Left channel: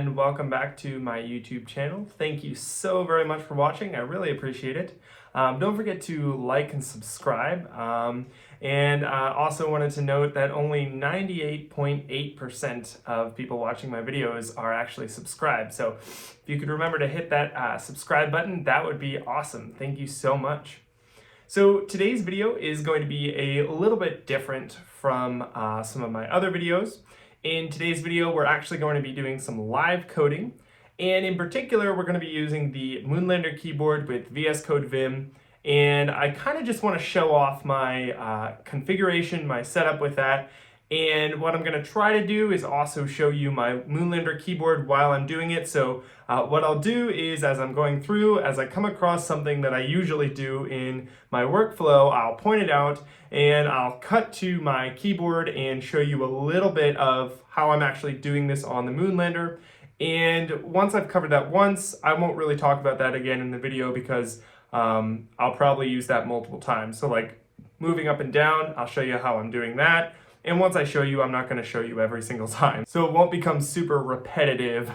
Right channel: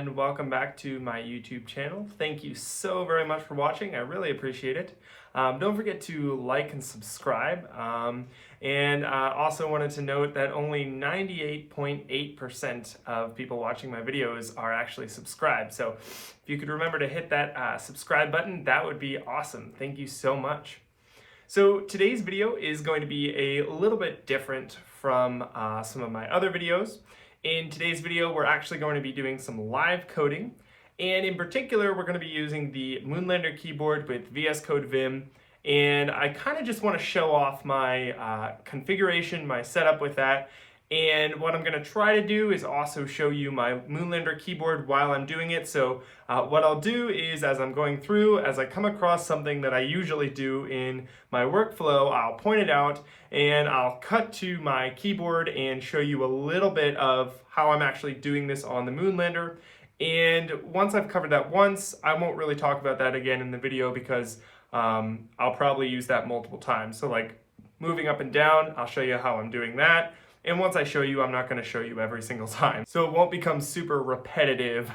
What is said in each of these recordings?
and welcome back to my YouTube channel. Thank you so very much for watching. I really appreciate it. Don't forget to like and subscribe. And also wanted to note that only 98.8% of people watching my videos are actually subscribed. So if you could remember to hit that subscribe button, that would be awesome. Thank you so much. So today's video is going to be a little bit different from some of my other videos. In today's video, we're actually going to be doing some live coding. And in particular, we're going to be using the Moonlander keyboard with VS Code Vim. And I kind of just want to show off my configuration, my setup with that. And what I'm going to try to do is also show you my Moonlander keyboard while I'm doing it. So what I'll do is, as I'm going through, as I come across something that I usually do in my workflow, I'll point it out and I'll cut to my keyboard and show you a little bit of how I'm actually doing this on the Moonlander. And once I've covered that once, I won't really talk about that again in the video because I'll probably use that multiple times. So like moving up and down, I'll show you how I'm doing that. And once I show you, I'm not going to show you every single time. So it won't become super repetitive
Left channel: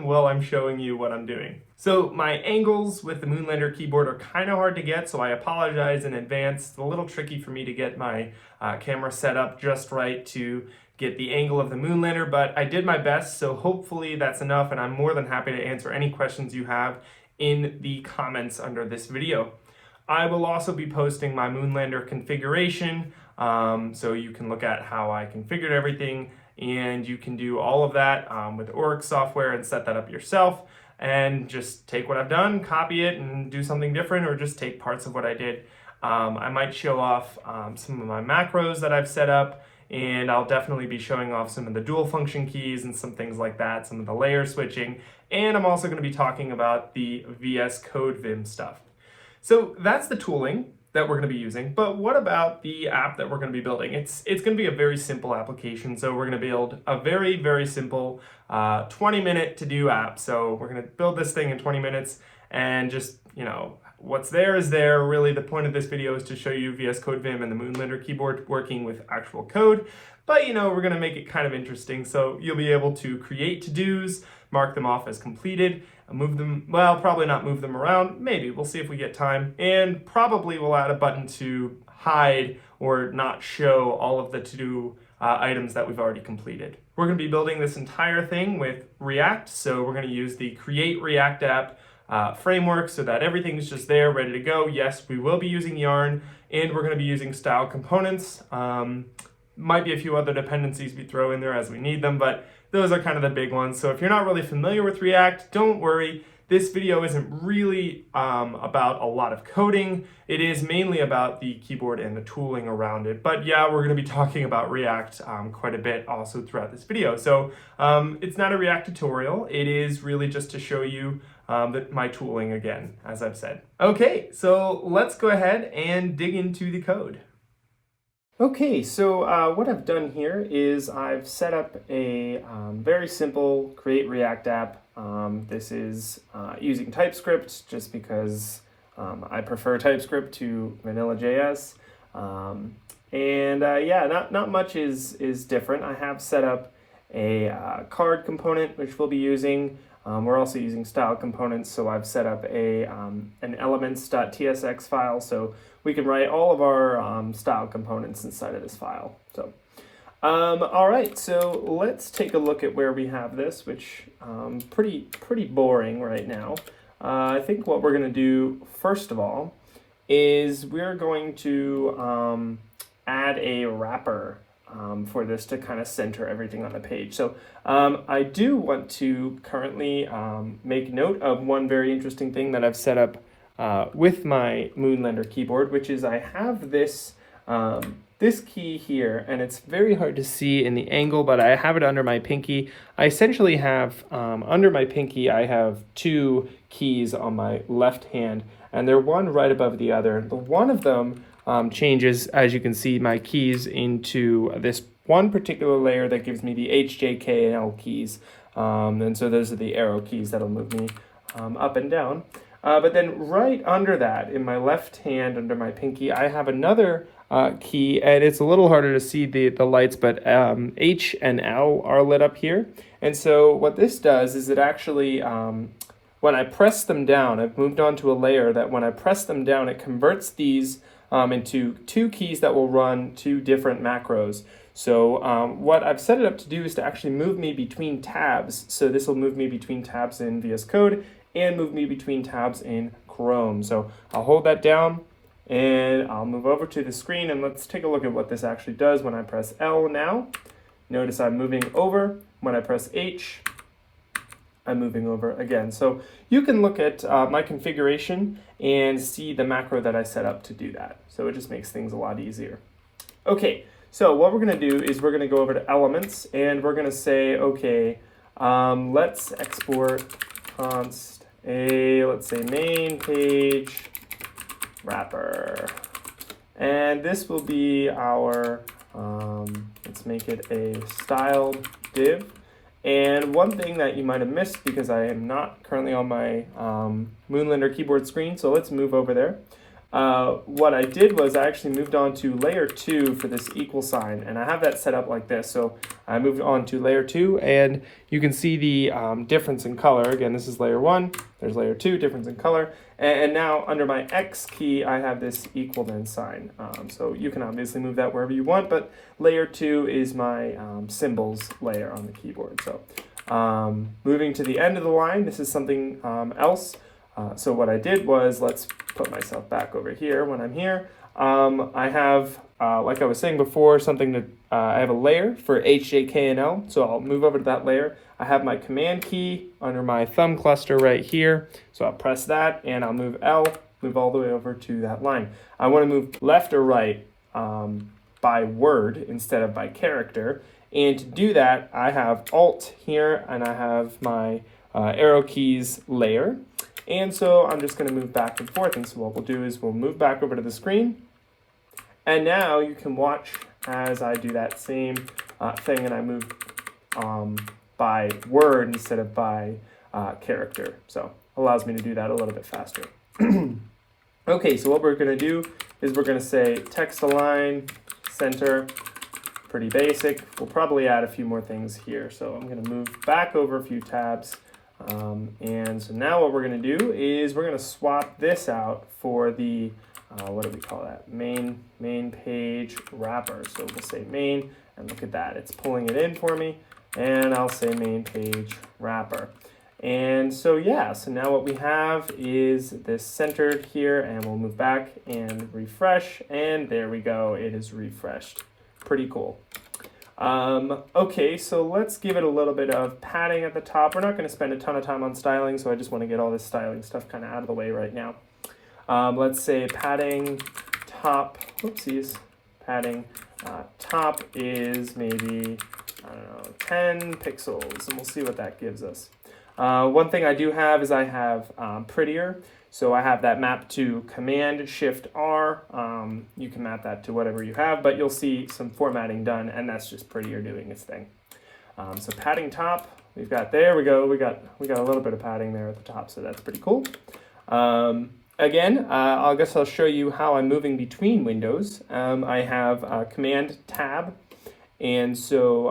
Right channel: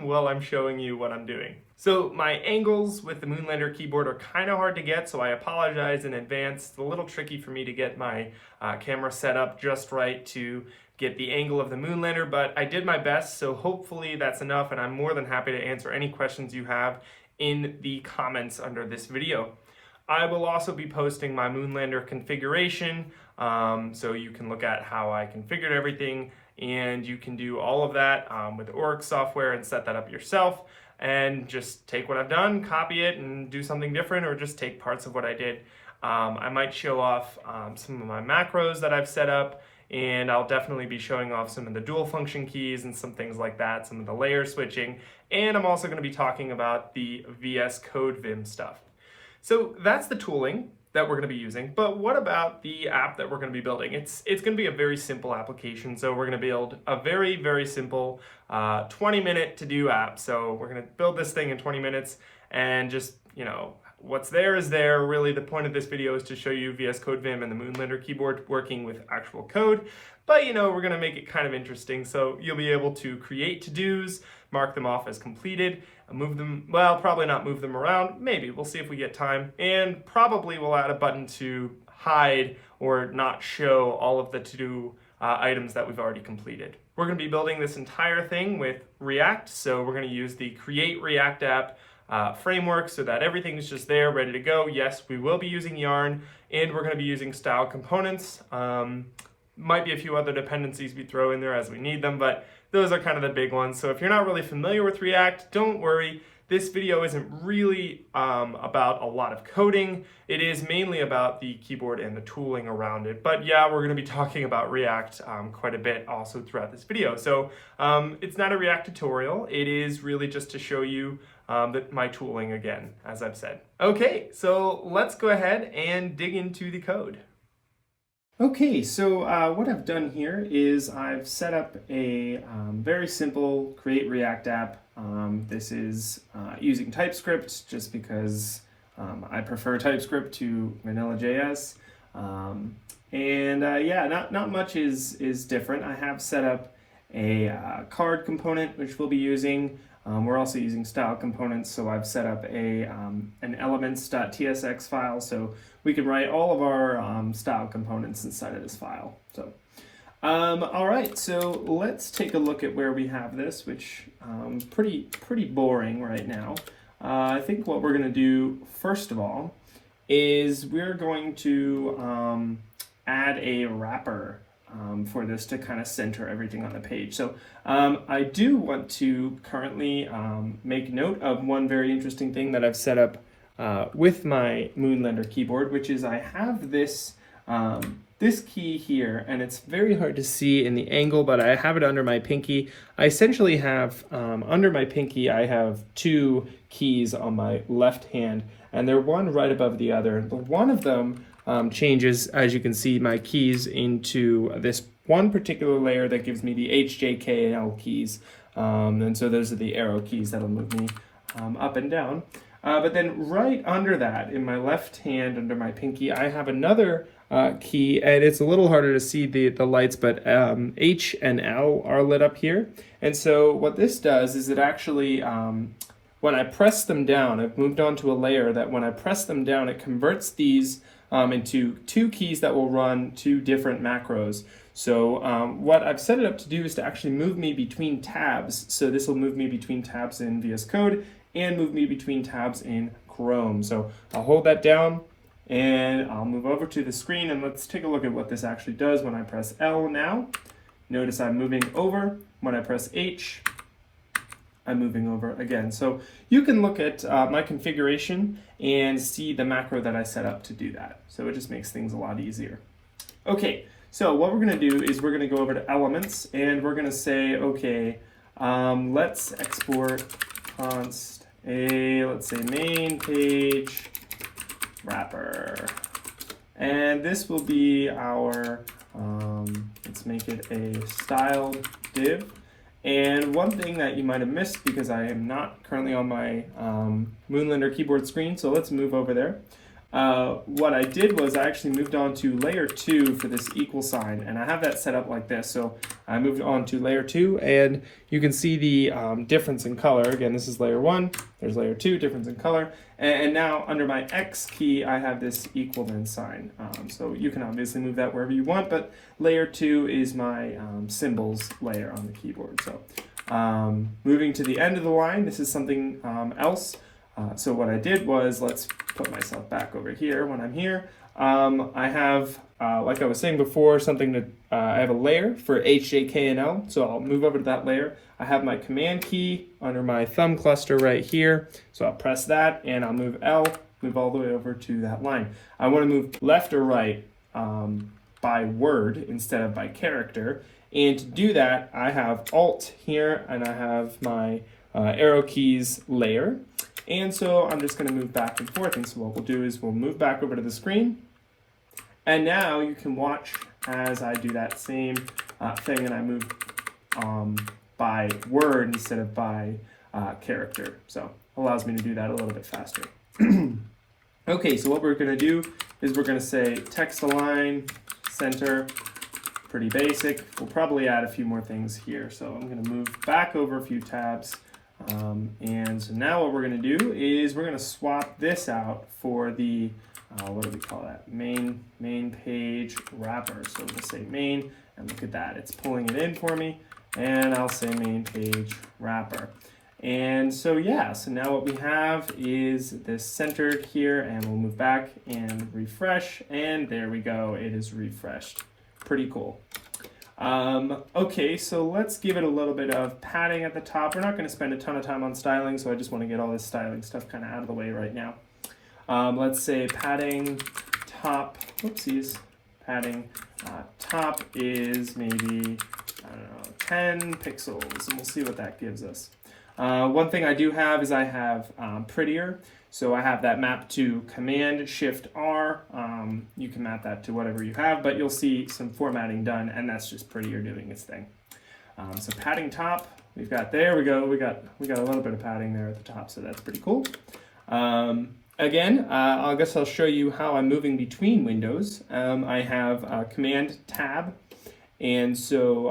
while I'm showing you what I'm doing. So my angles with the Moonlander keyboard are kind of hard to get, so I apologize in advance. It's a little tricky for me to get my camera set up just right to get the angle of the Moonlander, but I did my best, so hopefully that's enough, and I'm more than happy to answer any questions you have in the comments under this video. I will also be posting my Moonlander configuration, so you can look at how I configured everything, and you can do all of that with Orix software and set that up yourself, and just take what I've done, copy it, and do something different, or just take parts of what I did. I might show off some of my macros that I've set up, and I'll definitely be showing off some of the dual function keys and some things like that, some of the layer switching, and I'm also going to be talking about the VS Code Vim stuff. So that's the tooling that we're going to be using, but what about the app that we're going to be building? It's going to be a very simple application, so we're going to build a very, very simple 20-minute to-do app. So we're going to build this thing in 20 minutes and just, you know, what's there is there. Really, the point of this video is to show you VS Code Vim and the Moonlander keyboard working with actual code. But, you know, we're going to make it kind of interesting. So you'll be able to create to-dos, mark them off as completed, move them, well, probably not move them around. Maybe, we'll see if we get time. And probably we'll add a button to hide or not show all of the to-do items that we've already completed. We're going to be building this entire thing with React. So we're going to use the Create React App framework so that everything's just there, ready to go. Yes, we will be using Yarn, and we're going to be using style components. Might be a few other dependencies we throw in there as we need them, but those are kind of the big ones. So if you're not really familiar with React, don't worry. This video isn't really about a lot of coding. It is mainly about the keyboard and the tooling around it. But yeah, we're going to be talking about React quite a bit also throughout this video. So it's not a React tutorial. It is really just to show you my tooling again, as I've said. Okay, so let's go ahead and dig into the code. Okay, so what I've done here is I've set up a very simple Create React app. This is using TypeScript just because I prefer TypeScript to vanilla JS. Yeah, not much is different. I have set up a card component, which we'll be using. We're also using style components, so I've set up an elements.tsx file, so we can write all of our style components inside of this file. So, all right, so let's take a look at where we have this, which pretty boring right now. I think what we're going to do first of all is we're going to add a wrapper for this to kind of center everything on the page. So I do want to currently make note of one very interesting thing that I've set up with my Moonlander keyboard, which is I have this this key here, and it's very hard to see in the angle, but I have it under my pinky. I essentially have, under my pinky, I have two keys on my left hand, and they're one right above the other. The one of them changes, as you can see, my keys into this one particular layer that gives me the H, J, K, and L keys. And so those are the arrow keys that'll move me up and down. But then right under that, in my left hand, under my pinky, I have another key, and it's a little harder to see the lights, but H and L are lit up here. And so what this does is it actually, when I press them down, I've moved on to a layer that when I press them down, it converts these into two keys that will run two different macros. So what I've set it up to do is to actually move me between tabs. So this will move me between tabs in VS Code and move me between tabs in Chrome. So I'll hold that down and I'll move over to the screen, and let's take a look at what this actually does when I press L now. Notice I'm moving over. When I press H, I'm moving over again. So you can look at my configuration and see the macro that I set up to do that. So it just makes things a lot easier. Okay, so what we're going to do is we're going to go over to Elements, and we're going to say, okay, let's export const a, let's say main page wrapper. And this will be our, let's make it a styled div. And one thing that you might have missed, because I am not currently on my Moonlander keyboard screen, so let's move over there. What I did was I actually moved on to layer 2 for this equal sign, and I have that set up like this. So I moved on to layer 2, and you can see the difference in color. Again, this is layer 1, there's layer 2, difference in color. And now under my X key, I have this equal then sign. So you can obviously move that wherever you want, but layer 2 is my symbols layer on the keyboard. So moving to the end of the line, this is something else. So what I did was, let's put myself back over here when I'm here. I have, like I was saying before, something that I have a layer for H, J, K, and L. So I'll move over to that layer. I have my command key under my thumb cluster right here. So I'll press that and I'll move L, move all the way over to that line. I want to move left or right by word instead of by character. And to do that, I have Alt here and I have my arrow keys layer. And so I'm just going to move back and forth. And so what we'll do is we'll move back over to the screen. And now you can watch as I do that same thing, and I move by word instead of by character. So allows me to do that a little bit faster. Okay, so what we're going to do is we're going to say text align, center, pretty basic. We'll probably add a few more things here. So I'm going to move back over a few tabs. And so now what we're going to do is we're going to swap this out for the, what do we call that? Main page wrapper. So we'll say main, and look at that. It's pulling it in for me. And I'll say main page wrapper. And so yeah, so now what we have is this centered here, and we'll move back and refresh, and there we go, it is refreshed. Pretty cool. Okay, so let's give it a little bit of padding at the top. We're not going to spend a ton of time on styling, so I just want to get all this styling stuff kind of out of the way right now. Let's say padding top, whoopsies, padding top is maybe, I don't know, 10 pixels, and we'll see what that gives us. One thing I do have is I have prettier. So I have that mapped to Command-Shift-R. You can map that to whatever you have, but you'll see some formatting done, and that's just prettier doing its thing. So padding top, we've got there we go. We got a little bit of padding there at the top, so that's pretty cool. Again, I guess I'll show you how I'm moving between windows. I have Command-Tab, and so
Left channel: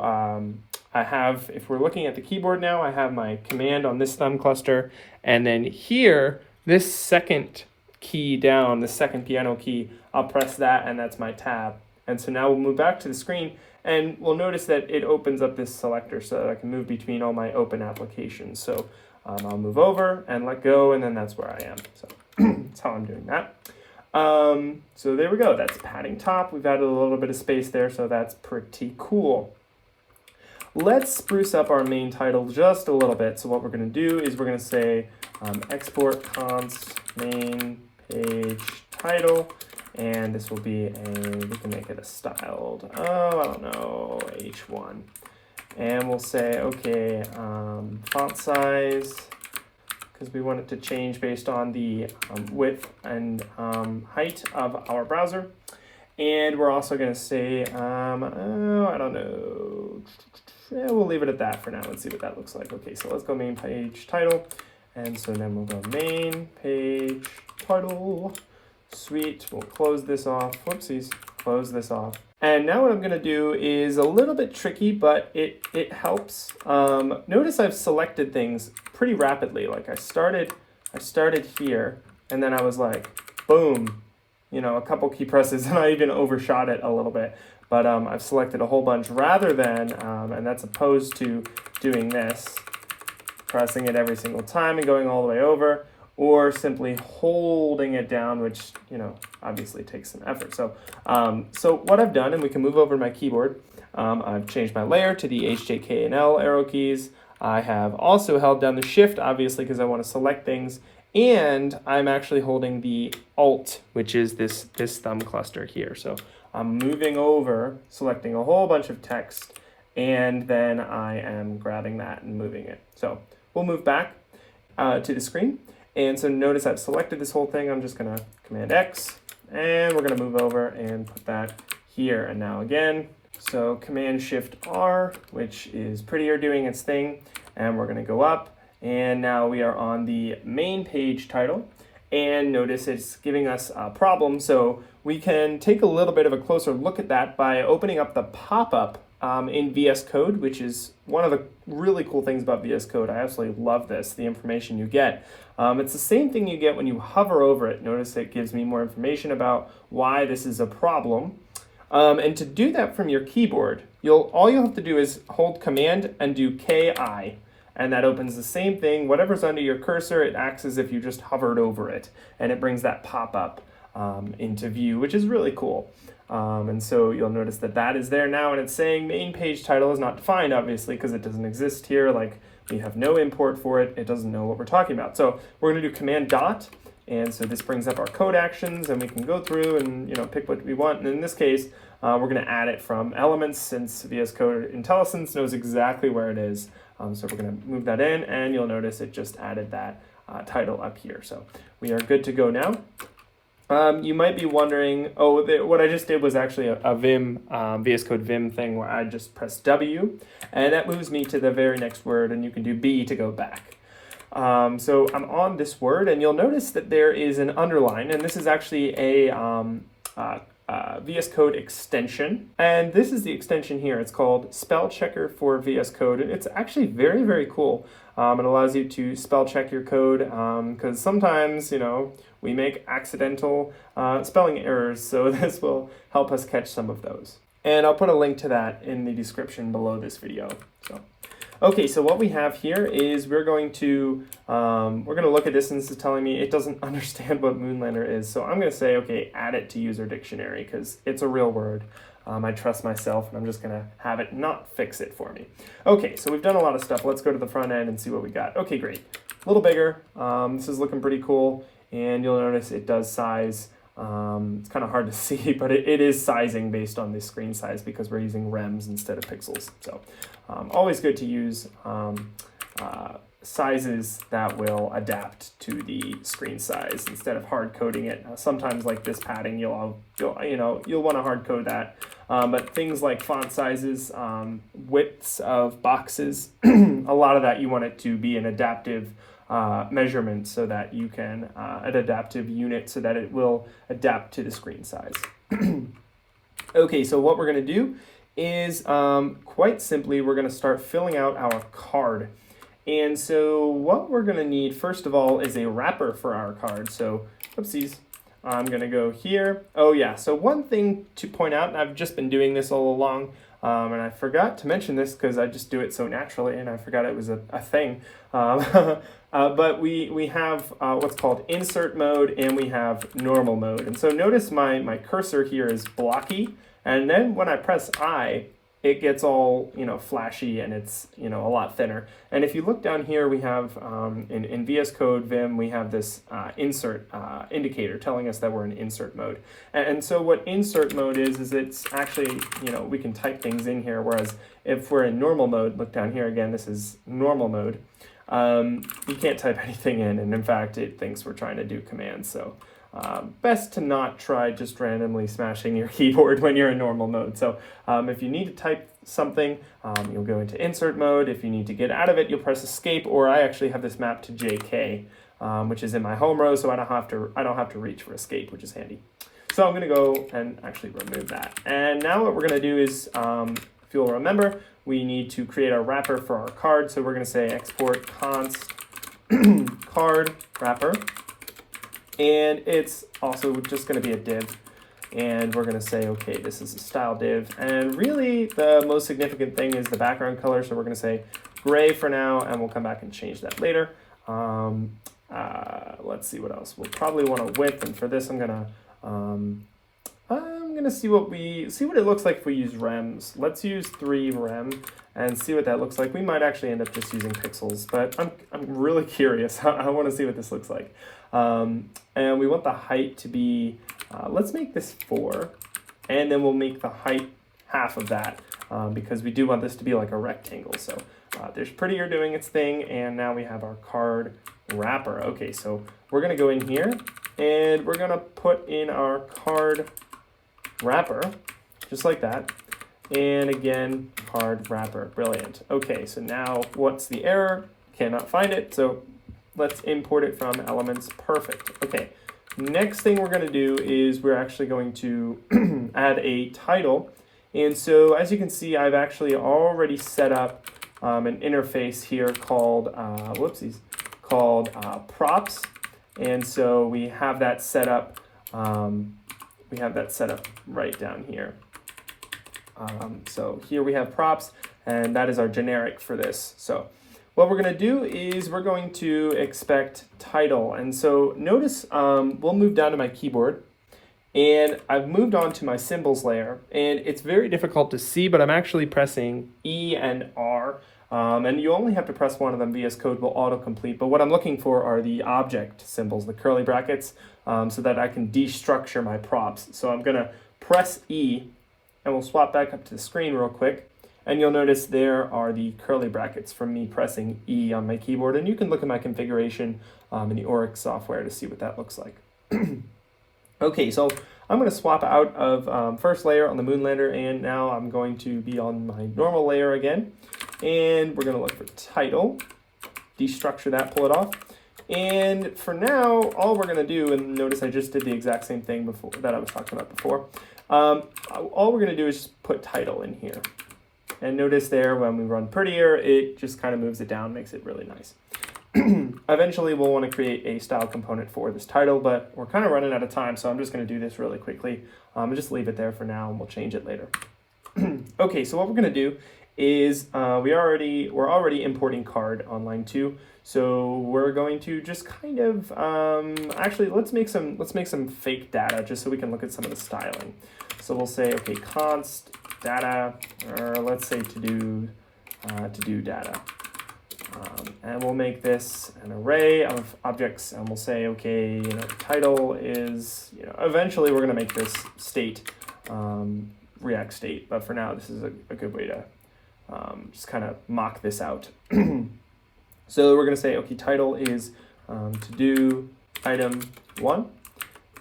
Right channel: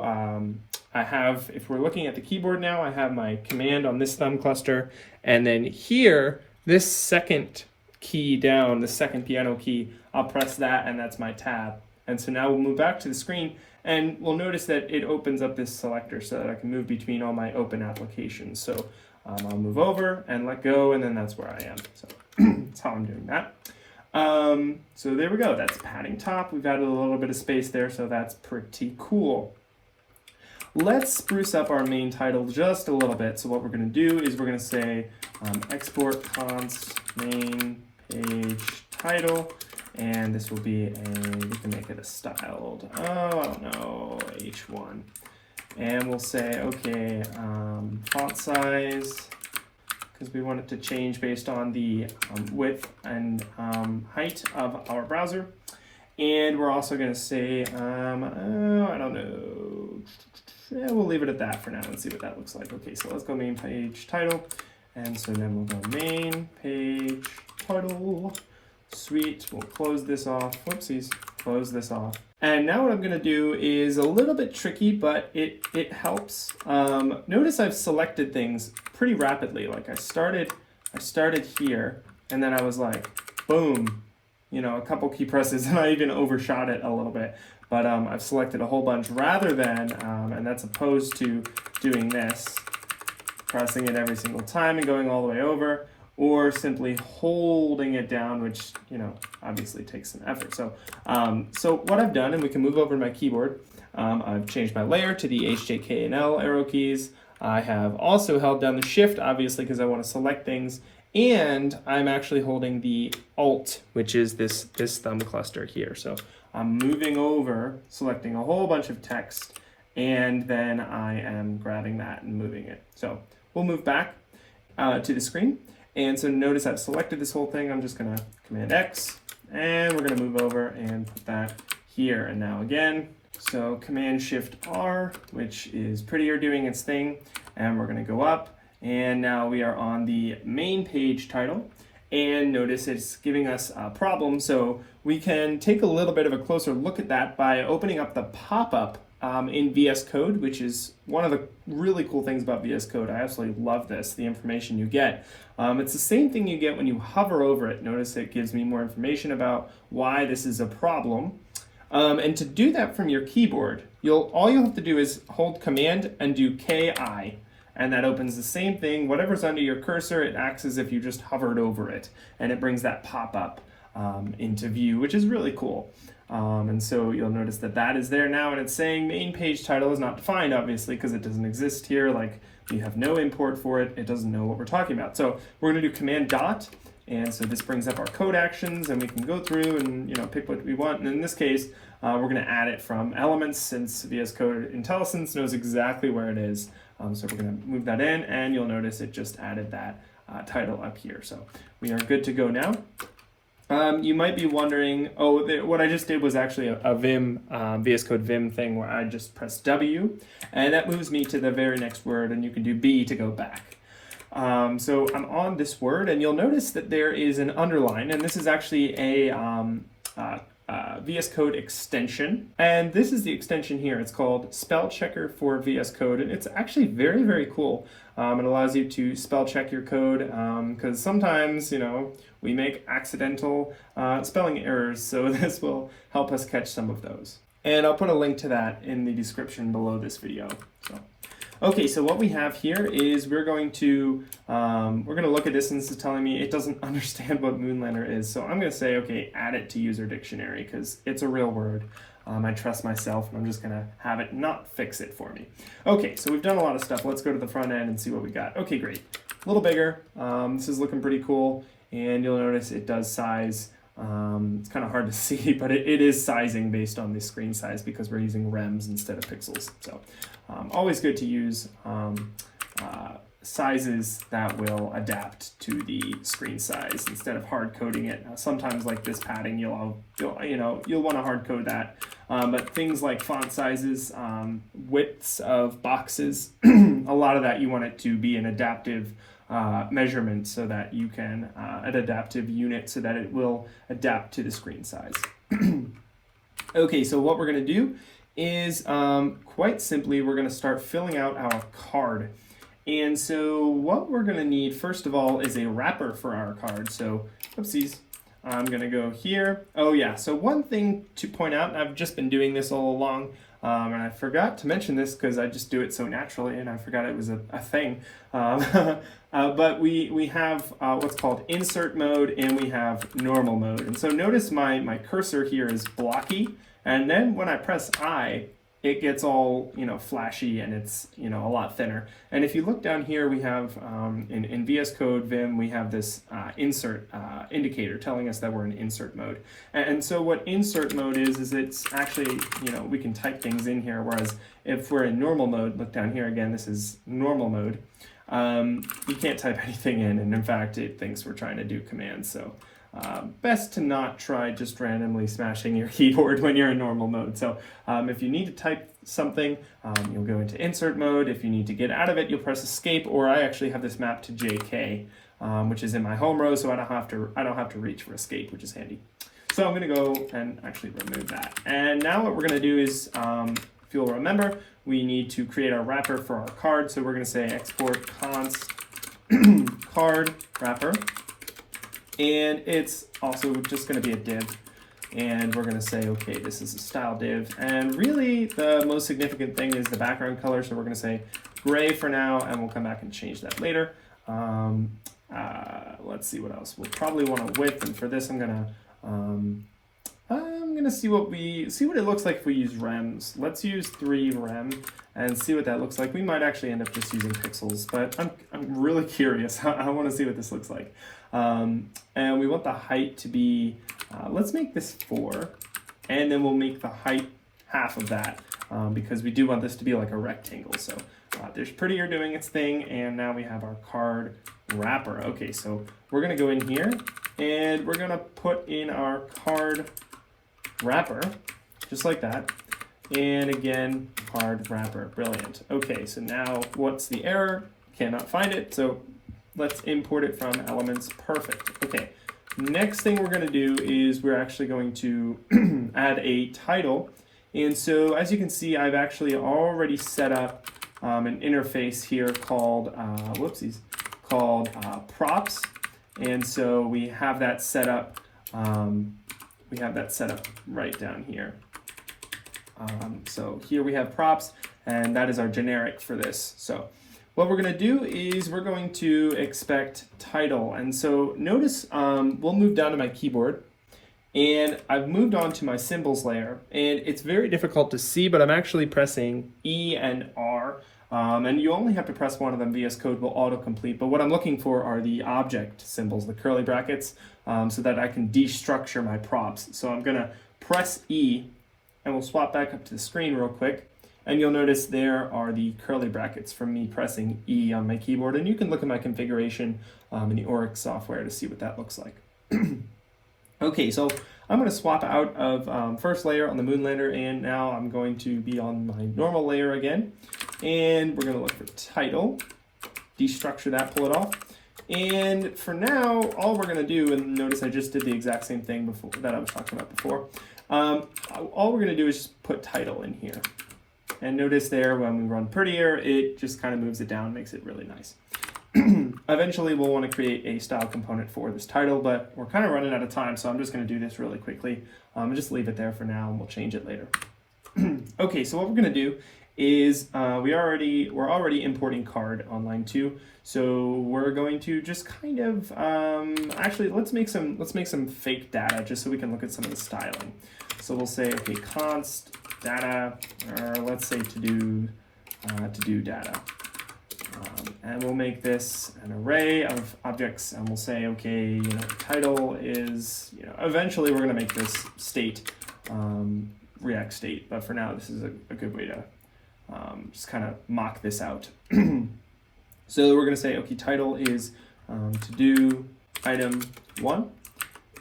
I have, if we're looking at the keyboard now, I have my command on this thumb cluster, and then here, this second key down, the second piano key, I'll press that, and that's my tab. And so now we'll move back to the screen, and we'll notice that it opens up this selector so that I can move between all my open applications. So I'll move over and let go, and then that's where I am. So that's how I'm doing that. So there we go, that's padding top. We've added a little bit of space there, so that's pretty cool. Let's spruce up our main title just a little bit. So what we're going to do is we're going to say export const main page title, and this will be we can make it a styled, I don't know, H1. And we'll say, okay, font size, because we want it to change based on the width and height of our browser. And we're also going to say, I don't know, yeah, we'll leave it at that for now and see what that looks like. Okay, so let's go main page title. And so then we'll go main page title. Sweet, we'll close this off. Whoopsies, close this off. And now what I'm gonna do is a little bit tricky, but it helps. Notice I've selected things pretty rapidly. Like I started here, and then I was like, boom, you know, a couple key presses, and I even overshot it a little bit. But I've selected a whole bunch rather than, and that's opposed to doing this, pressing it every single time and going all the way over, or simply holding it down, which, you know, obviously takes some effort. So, so what I've done, and we can move over to my keyboard, I've changed my layer to the H, J, K, and L arrow keys. I have also held down the Shift, obviously, because I want to select things, and I'm actually holding the Alt, which is this thumb cluster here. So I'm moving over, selecting a whole bunch of text, and then I am grabbing that and moving it. So we'll move back to the screen. And so notice I've selected this whole thing. I'm just gonna Command X, and we're gonna move over and put that here. And now again, so Command Shift R, which is prettier doing its thing. And we're gonna go up, and now we are on the main page title. And notice it's giving us a problem. So we can take a little bit of a closer look at that by opening up the pop-up in VS Code, which is one of the really cool things about VS Code. I absolutely love this, the information you get. It's the same thing you get when you hover over it. Notice it gives me more information about why this is a problem. And to do that from your keyboard, all you'll have to do is hold Command and do KI. And that opens the same thing. Whatever's under your cursor, it acts as if you just hovered over it. And it brings that pop-up into view, which is really cool. And so you'll notice that that is there now, and it's saying main page title is not defined, obviously, because it doesn't exist here. Like, we have no import for it. It doesn't know what we're talking about. So we're going to do Command dot, and so this brings up our code actions, and we can go through and, you know, pick what we want. And in this case, we're going to add it from elements, since VS Code IntelliSense knows exactly where it is. So we're going to move that in, and you'll notice it just added that title up here. So we are good to go now. You might be wondering, what I just did was actually a Vim, VS Code Vim thing where I just press W, and that moves me to the very next word, and you can do B to go back. So I'm on this word, and you'll notice that there is an underline, and this is actually a VS Code extension, and this is the extension here. It's called Spell Checker for VS Code, and it's actually very, very cool. It allows you to spell check your code, because sometimes, you know, we make accidental spelling errors, so this will help us catch some of those. And I'll put a link to that in the description below this video. Okay, so what we have here is we're going to look at this, and this is telling me it doesn't understand what Moonlander is. So I'm going to say, okay, add it to user dictionary, because it's a real word. I trust myself, and I'm just going to have it not fix it for me. Okay, so we've done a lot of stuff. Let's go to the front end and see what we got. Okay, great. A little bigger. This is looking pretty cool, and you'll notice it does size. It's kind of hard to see, but it is sizing based on the screen size because we're using rems instead of pixels. So always good to use sizes that will adapt to the screen size instead of hard coding it. Sometimes, like this padding, you'll want to hard code that. But things like font sizes, widths of boxes, a lot of that you want it to be an adaptive measurement, so that you can an adaptive unit so that it will adapt to the screen size. Okay, so what we're going to do is quite simply we're going to start filling out our card. And so what we're going to need first of all is a wrapper for our card. So oopsies, I'm going to go here. Oh yeah, so one thing to point out, and I've just been doing this all along, and I forgot to mention this because I just do it so naturally, and I forgot it was a thing. But we have what's called insert mode, and we have normal mode. And so notice my cursor here is blocky, and then when I press I, it gets all, you know, flashy, and it's, you know, a lot thinner. And if you look down here, we have in VS Code Vim, we have this insert indicator telling us that we're in insert mode. And so what insert mode is it's actually, you know, we can type things in here, whereas if we're in normal mode, look down here again, this is normal mode. You can't type anything in, and in fact, it thinks we're trying to do commands. So best to not try just randomly smashing your keyboard when you're in normal mode. So if you need to type something, you'll go into insert mode. If you need to get out of it, you'll press escape, or I actually have this mapped to JK. which is in my home row, so I don't have to reach for escape, which is handy. So I'm going to go and actually remove that. And now what we're going to do is, if you'll remember, we need to create our wrapper for our card. So we're going to say export const card wrapper, and it's also just going to be a div. And we're going to say, okay, this is a style div. And really, the most significant thing is the background color. So we're going to say gray for now, and we'll come back and change that later. Let's see what else. We'll probably want a width, and for this, I'm gonna see what it looks like if we use rems. Let's use 3 rem and see what that looks like. We might actually end up just using pixels, but I'm really curious. I want to see what this looks like. And we want the height to be, let's make this 4, and then we'll make the height half of that, because we do want this to be like a rectangle. So there's prettier doing its thing, and now we have our card wrapper. Okay, so we're gonna go in here, and we're gonna put in our card wrapper, just like that. And again, card wrapper, brilliant. Okay, so now what's the error? Cannot find it, so let's import it from elements, perfect. Okay, next thing we're gonna do is we're actually going to add a title. And so as you can see, I've actually already set up an interface here called, props. And so we have that set up, right down here. So here we have props, and that is our generic for this. So what we're going to do is we're going to expect title. And so notice we'll move down to my keyboard, and I've moved on to my symbols layer, and it's very difficult to see, but I'm actually pressing E and R. And you only have to press one of them. VS Code will autocomplete. But what I'm looking for are the object symbols, the curly brackets, so that I can destructure my props. So I'm going to press E, and we'll swap back up to the screen real quick. And you'll notice there are the curly brackets from me pressing E on my keyboard. And you can look at my configuration in the Oryx software to see what that looks like. Okay, so I'm going to swap out of first layer on the Moonlander, and now I'm going to be on my normal layer again. And we're going to look for title, destructure that, pull it off. And for now, all we're going to do, and notice I just did the exact same thing before that I was talking about before. All we're going to do is just put title in here. And notice there, when we run prettier, it just kind of moves it down, makes it really nice. Eventually, we'll want to create a style component for this title, but we're kind of running out of time, so I'm just going to do this really quickly. Just leave it there for now, and we'll change it later. Okay, so what we're going to do is we're already importing card on line 2, so we're going to just kind of actually let's make some fake data just so we can look at some of the styling. So we'll say, okay, const data, or let's say to do data. And we'll make this an array of objects, and we'll say, okay, title is, eventually we're going to make this state, React state, but for now this is a good way to just kind of mock this out. So we're going to say, okay, title is to do item 1,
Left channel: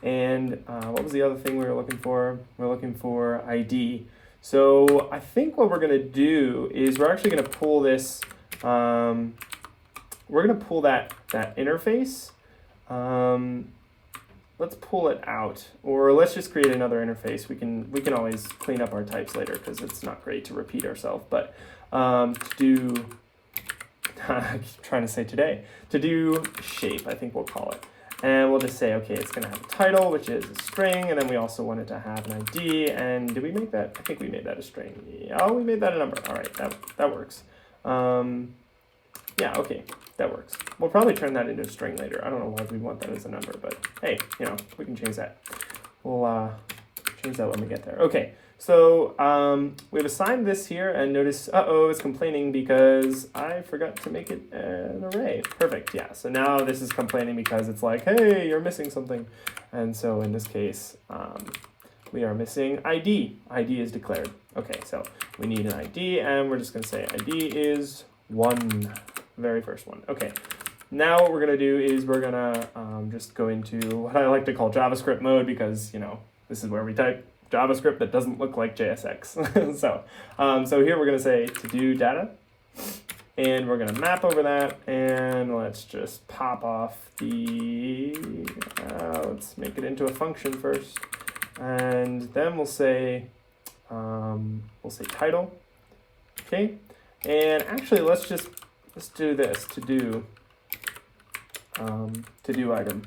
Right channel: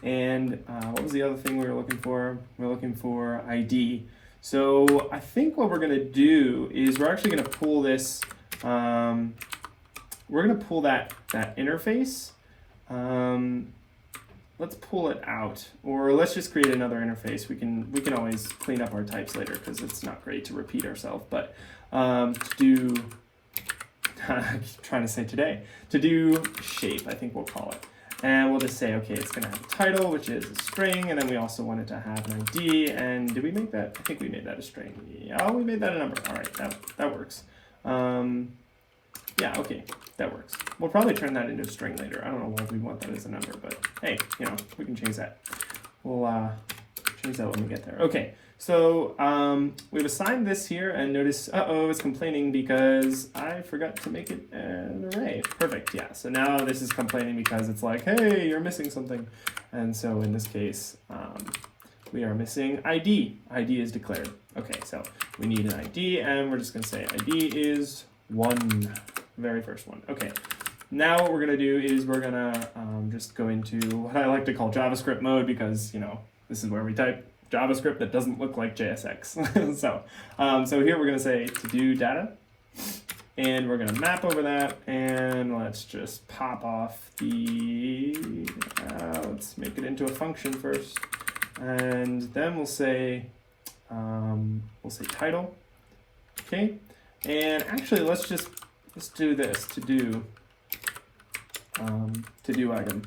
and what was the other thing we were looking for? We're looking for ID. So I think what we're going to do is we're actually going to pull this. We're going to pull that interface. Let's pull it out, or let's just create another interface. We can always clean up our types later because it's not great to repeat ourselves. But to do, I keep trying to say today, to do shape, I think we'll call it. And we'll just say, okay, it's going to have a title, which is a string, and then we also want it to have an ID. And did we make that? I think we made that a string. Yeah, we made that a number. All right, that works. Yeah, okay, that works. We'll probably turn that into a string later. I don't know why we want that as a number, but hey, we can change that. We'll change that when we get there. Okay, so we've assigned this here, and notice, it's complaining because I forgot to make it an array. Perfect, yeah. So now this is complaining because it's like, hey, you're missing something. And so in this case, we are missing ID. ID is declared. Okay, so we need an ID, and we're just going to say ID is 1, very first one. Okay, now what we're going to do is we're going to just go into what I like to call JavaScript mode, because, this is where we type JavaScript that doesn't look like JSX. So here we're going to say to do data, and we're going to map over that, and let's just pop off the, let's make it into a function first, and then we'll say title, okay, and actually let's do this, to do item,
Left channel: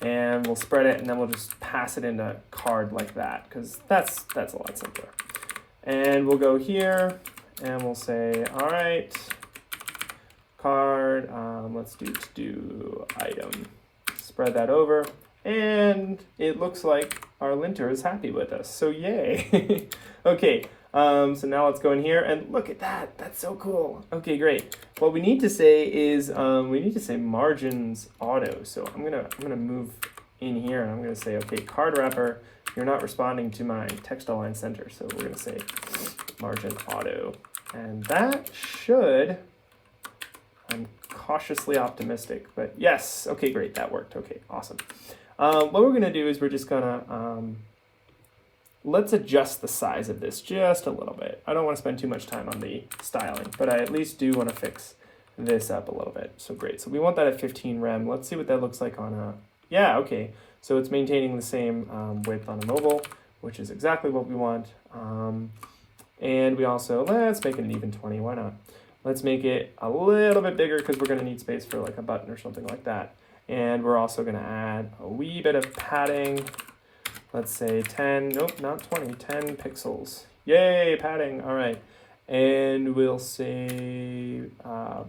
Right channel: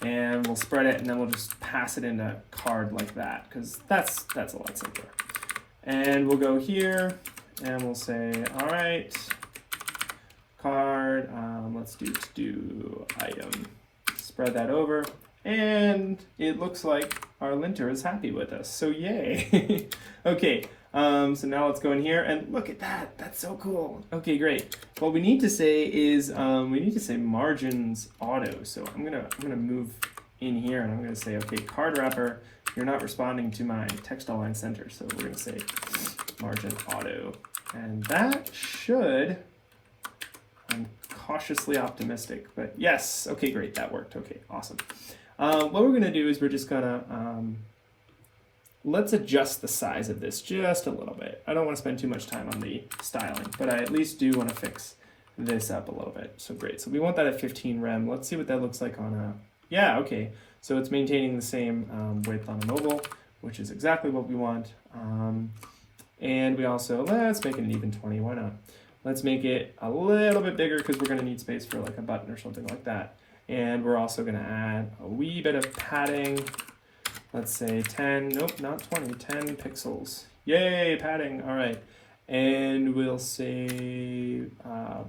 and we'll spread it, and then we'll just pass it into card like that, because that's a lot simpler. And we'll go here, and we'll say, all right, card, let's do item. Spread that over, and it looks like our linter is happy with us, so yay. Okay, so now let's go in here, and look at that, that's so cool. Okay, great. What we need to say is, we need to say margins auto, so I'm gonna move in here, and I'm gonna say, okay, card wrapper, you're not responding to my text align center, so we're gonna say margin auto, and that should, I'm cautiously optimistic, but yes, okay, great, that worked. Okay, awesome. What we're gonna do is we're just gonna, let's adjust the size of this just a little bit. I don't want to spend too much time on the styling, but I at least do want to fix this up a little bit. So great, so we want that at 15 rem. Let's see what that looks like on a, yeah, okay. So it's maintaining the same width on a mobile, which is exactly what we want. And we also, let's make it an even 20, why not? Let's make it a little bit bigger because we're gonna need space for like a button or something like that. And we're also gonna add a wee bit of padding. Let's say 10, nope, not 20, 10 pixels. Yay, padding, all right. And we'll say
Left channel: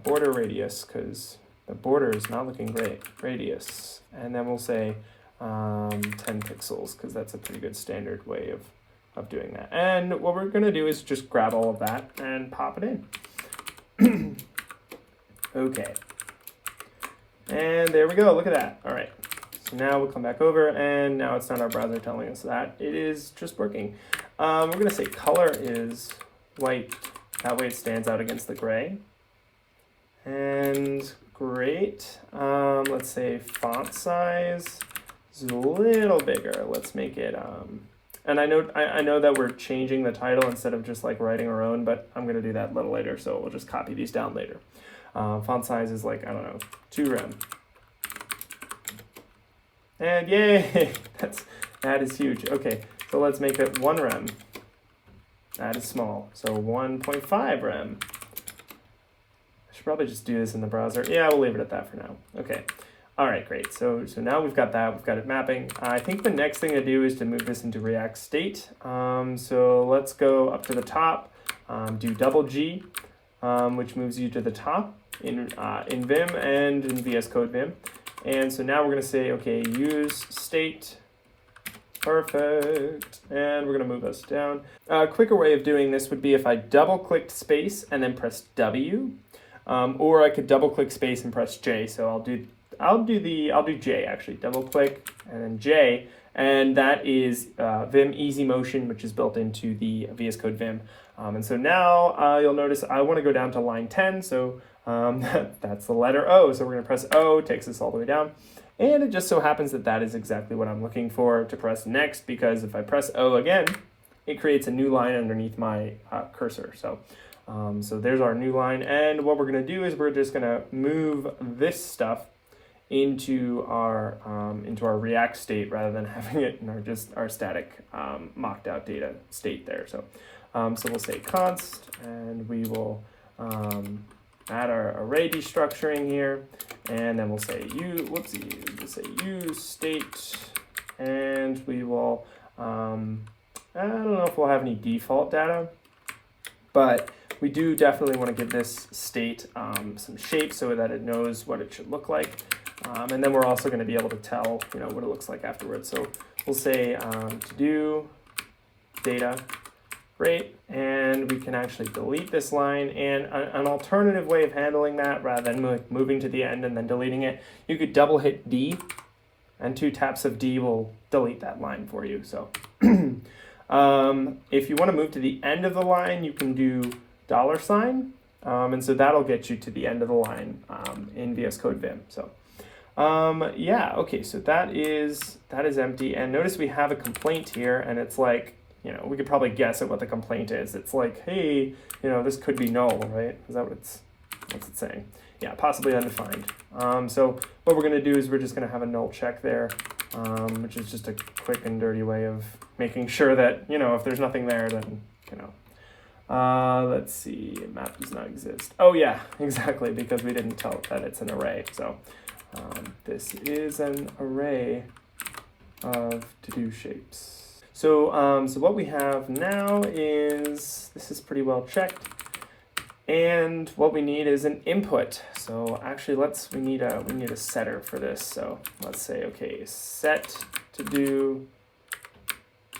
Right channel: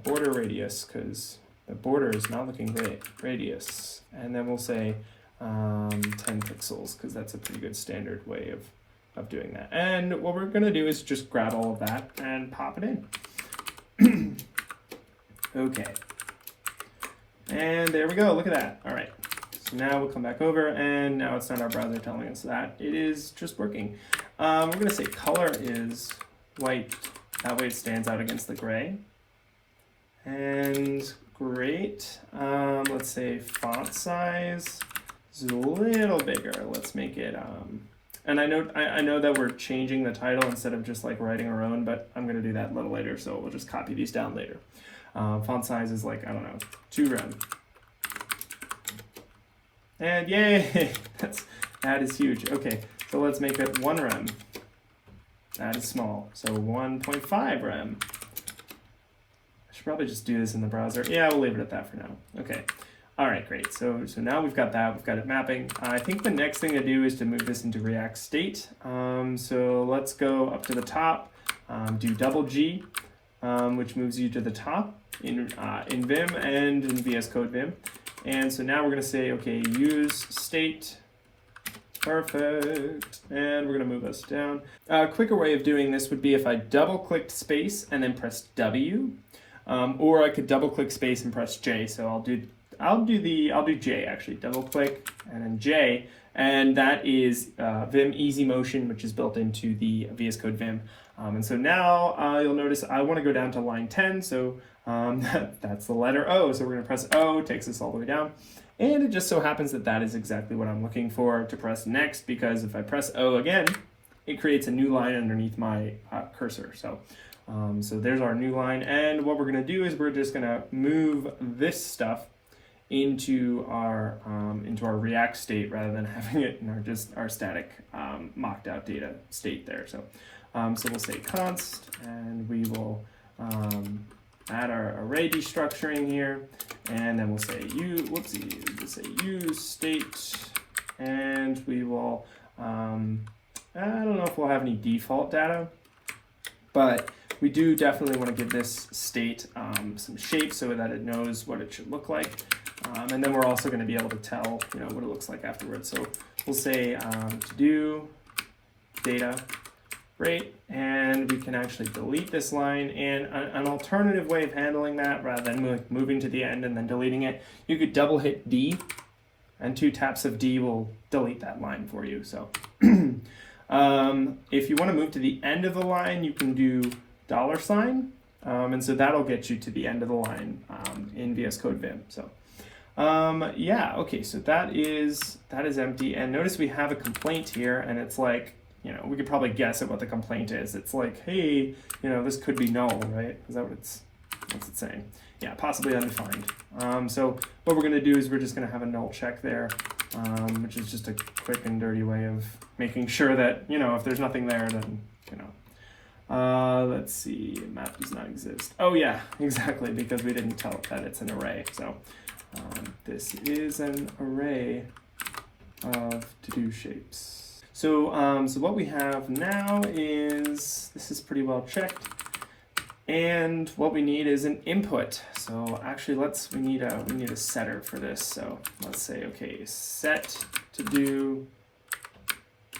border radius because the border is not looking great, radius. And then we'll say 10 pixels because that's a pretty good standard way of doing that. And what we're gonna do is just grab all of that and pop it in. Okay. And there we go, look at that, all right. So now we'll come back over, and now it's not our browser telling us that. It is just working. We're gonna say color is white. That way it stands out against the gray. And great. Let's say font size is a little bigger. Let's make it, and I know that we're changing the title instead of just like writing our own, but I'm gonna do that a little later, so we'll just copy these down later. Font size is like, I don't know, 2 rem. And yay, that is huge. Okay, so let's make it 1 rem. That is small, so 1.5 rem. I should probably just do this in the browser. Yeah, we'll leave it at that for now. Okay, all right, great. So now we've got that, we've got it mapping. I think the next thing to do is to move this into React State. So let's go up to the top, do double G, which moves you to the top in Vim and in VS Code Vim. And so now we're going to say, okay, use state, perfect, and we're going to move us down. A quicker way of doing this would be if I double-clicked space and then press W, or I could double-click space and press J. So I'll do J actually, double-click and then J, and that is Vim Easy Motion, which is built into the VS Code Vim. And so now you'll notice I want to go down to line 10, so that's the letter O, so we're going to press O, takes us all the way down, and it just so happens that that is exactly what I'm looking for to press next, because if I press O again, it creates a new line underneath my cursor. So there's our new line, and what we're going to do is we're just going to move this stuff into our React state rather than having it in our static mocked out data state there. So we'll say const, and we will add our array destructuring here, and then we'll say use state, and we will I don't know if we'll have any default data, but we do definitely want to give this state some shape so that it knows what it should look like, and then we're also going to be able to tell what it looks like afterwards. So we'll say to do data. Great, and we can actually delete this line, and an alternative way of handling that, rather than moving to the end and then deleting it, you could double hit D, and 2 taps of D will delete that line for you. So if you want to move to the end of the line, you can do $, and so that'll get you to the end of the line in VS Code Vim. So yeah, okay, so that is empty, and notice we have a complaint here, and it's like, we could probably guess at what the complaint is. It's like, hey, this could be null, right? Is that what it's what's it saying? Yeah, possibly undefined. So what we're going to do is we're just going to have a null check there, which is just a quick and dirty way of making sure that, if there's nothing there, then, let's see, map does not exist. Oh yeah, exactly, because we didn't tell it that it's an array. So this is an array of to-do shapes. So, so what we have now is, this is pretty well checked. And what we need is an input. So actually we need a setter for this. So let's say, okay, set to do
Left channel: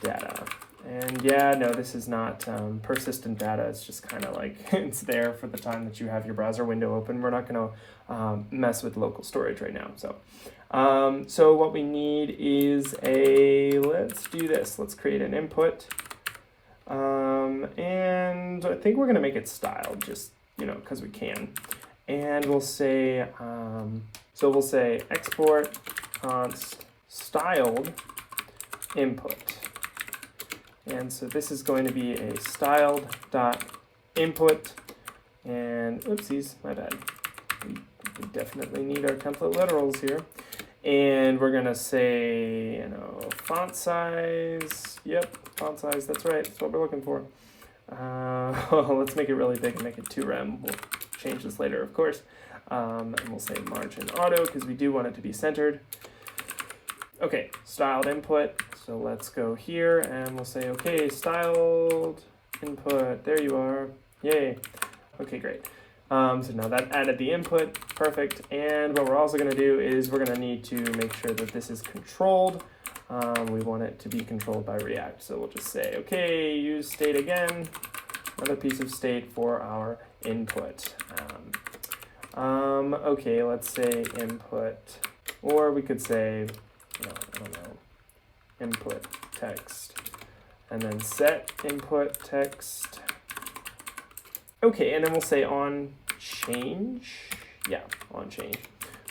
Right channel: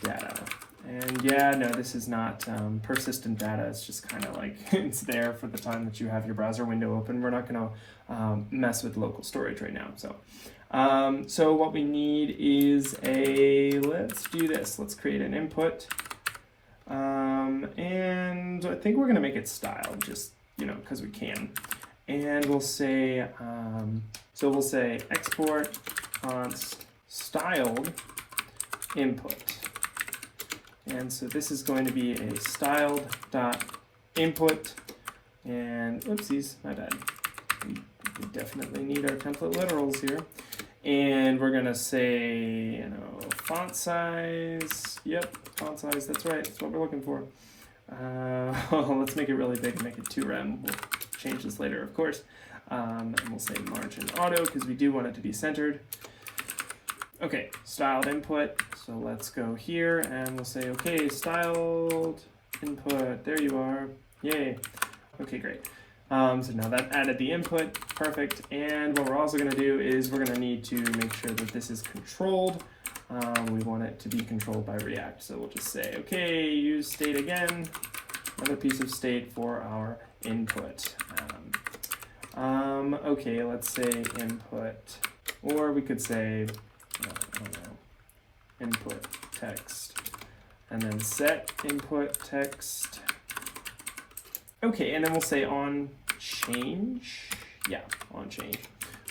data. And yeah, no, this is not persistent data. It's just kind of like it's there for the time that you have your browser window open. We're not going to mess with local storage right now. So, so what we need is let's do this. Let's create an input. And I think we're going to make it styled just, because we can. And we'll say, so we'll say export const styled input. And so this is going to be a styled dot input. And oopsies, my bad. We definitely need our template literals here. And we're going to say, font size. Yep, font size. That's right. That's what we're looking for. Let's make it really big and make it 2rem. We'll change this later, of course. And we'll say margin auto because we do want it to be centered. Okay, styled input. So let's go here and we'll say, okay, styled input. There you are. Yay. Okay, great. So now that added the input, perfect. And what we're also going to do is we're going to need to make sure that this is controlled. We want it to be controlled by React. So we'll just say, okay, use state again, another piece of state for our input. Okay, let's say input, or we could say, I don't know, input text, and then set input text. Okay, and then we'll say on change. Yeah, on change.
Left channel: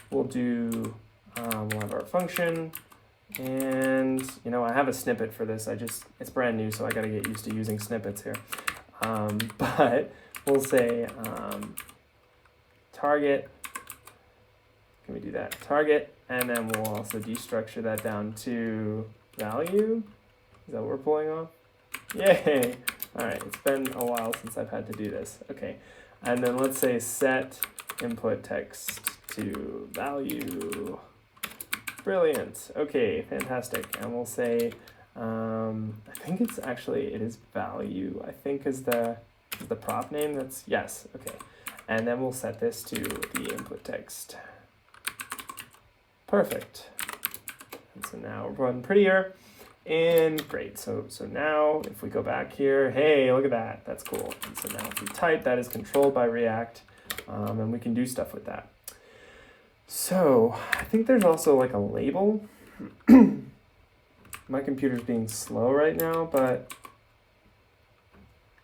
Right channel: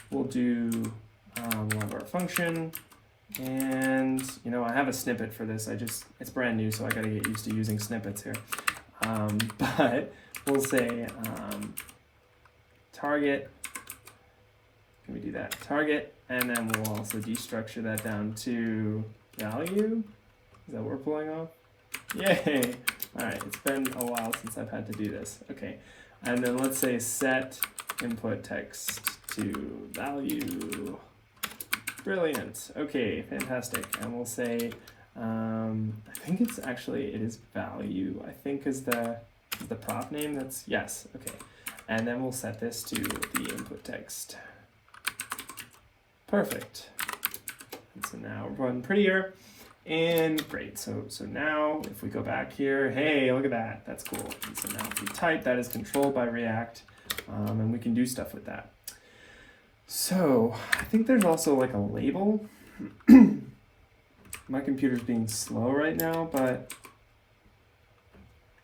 We'll do, we'll have our function, and I have a snippet for this. It's brand new, so I gotta get used to using snippets here. But we'll say target. Can we do that? Target, and then we'll also destructure that down to value. Is that what we're pulling off? Yay! All right, it's been a while since I've had to do this. Okay, and then let's say set input text to value. Brilliant. Okay, fantastic. And we'll say, I think it is value. I think is the prop name. That's yes. Okay, and then we'll set this to the input text. Perfect. And so now run prettier. And great, so now if we go back here, hey, look at that, that's cool. And so now if we type, that is controlled by React, and we can do stuff with that. So I think there's also like a label. My computer's being slow right now, but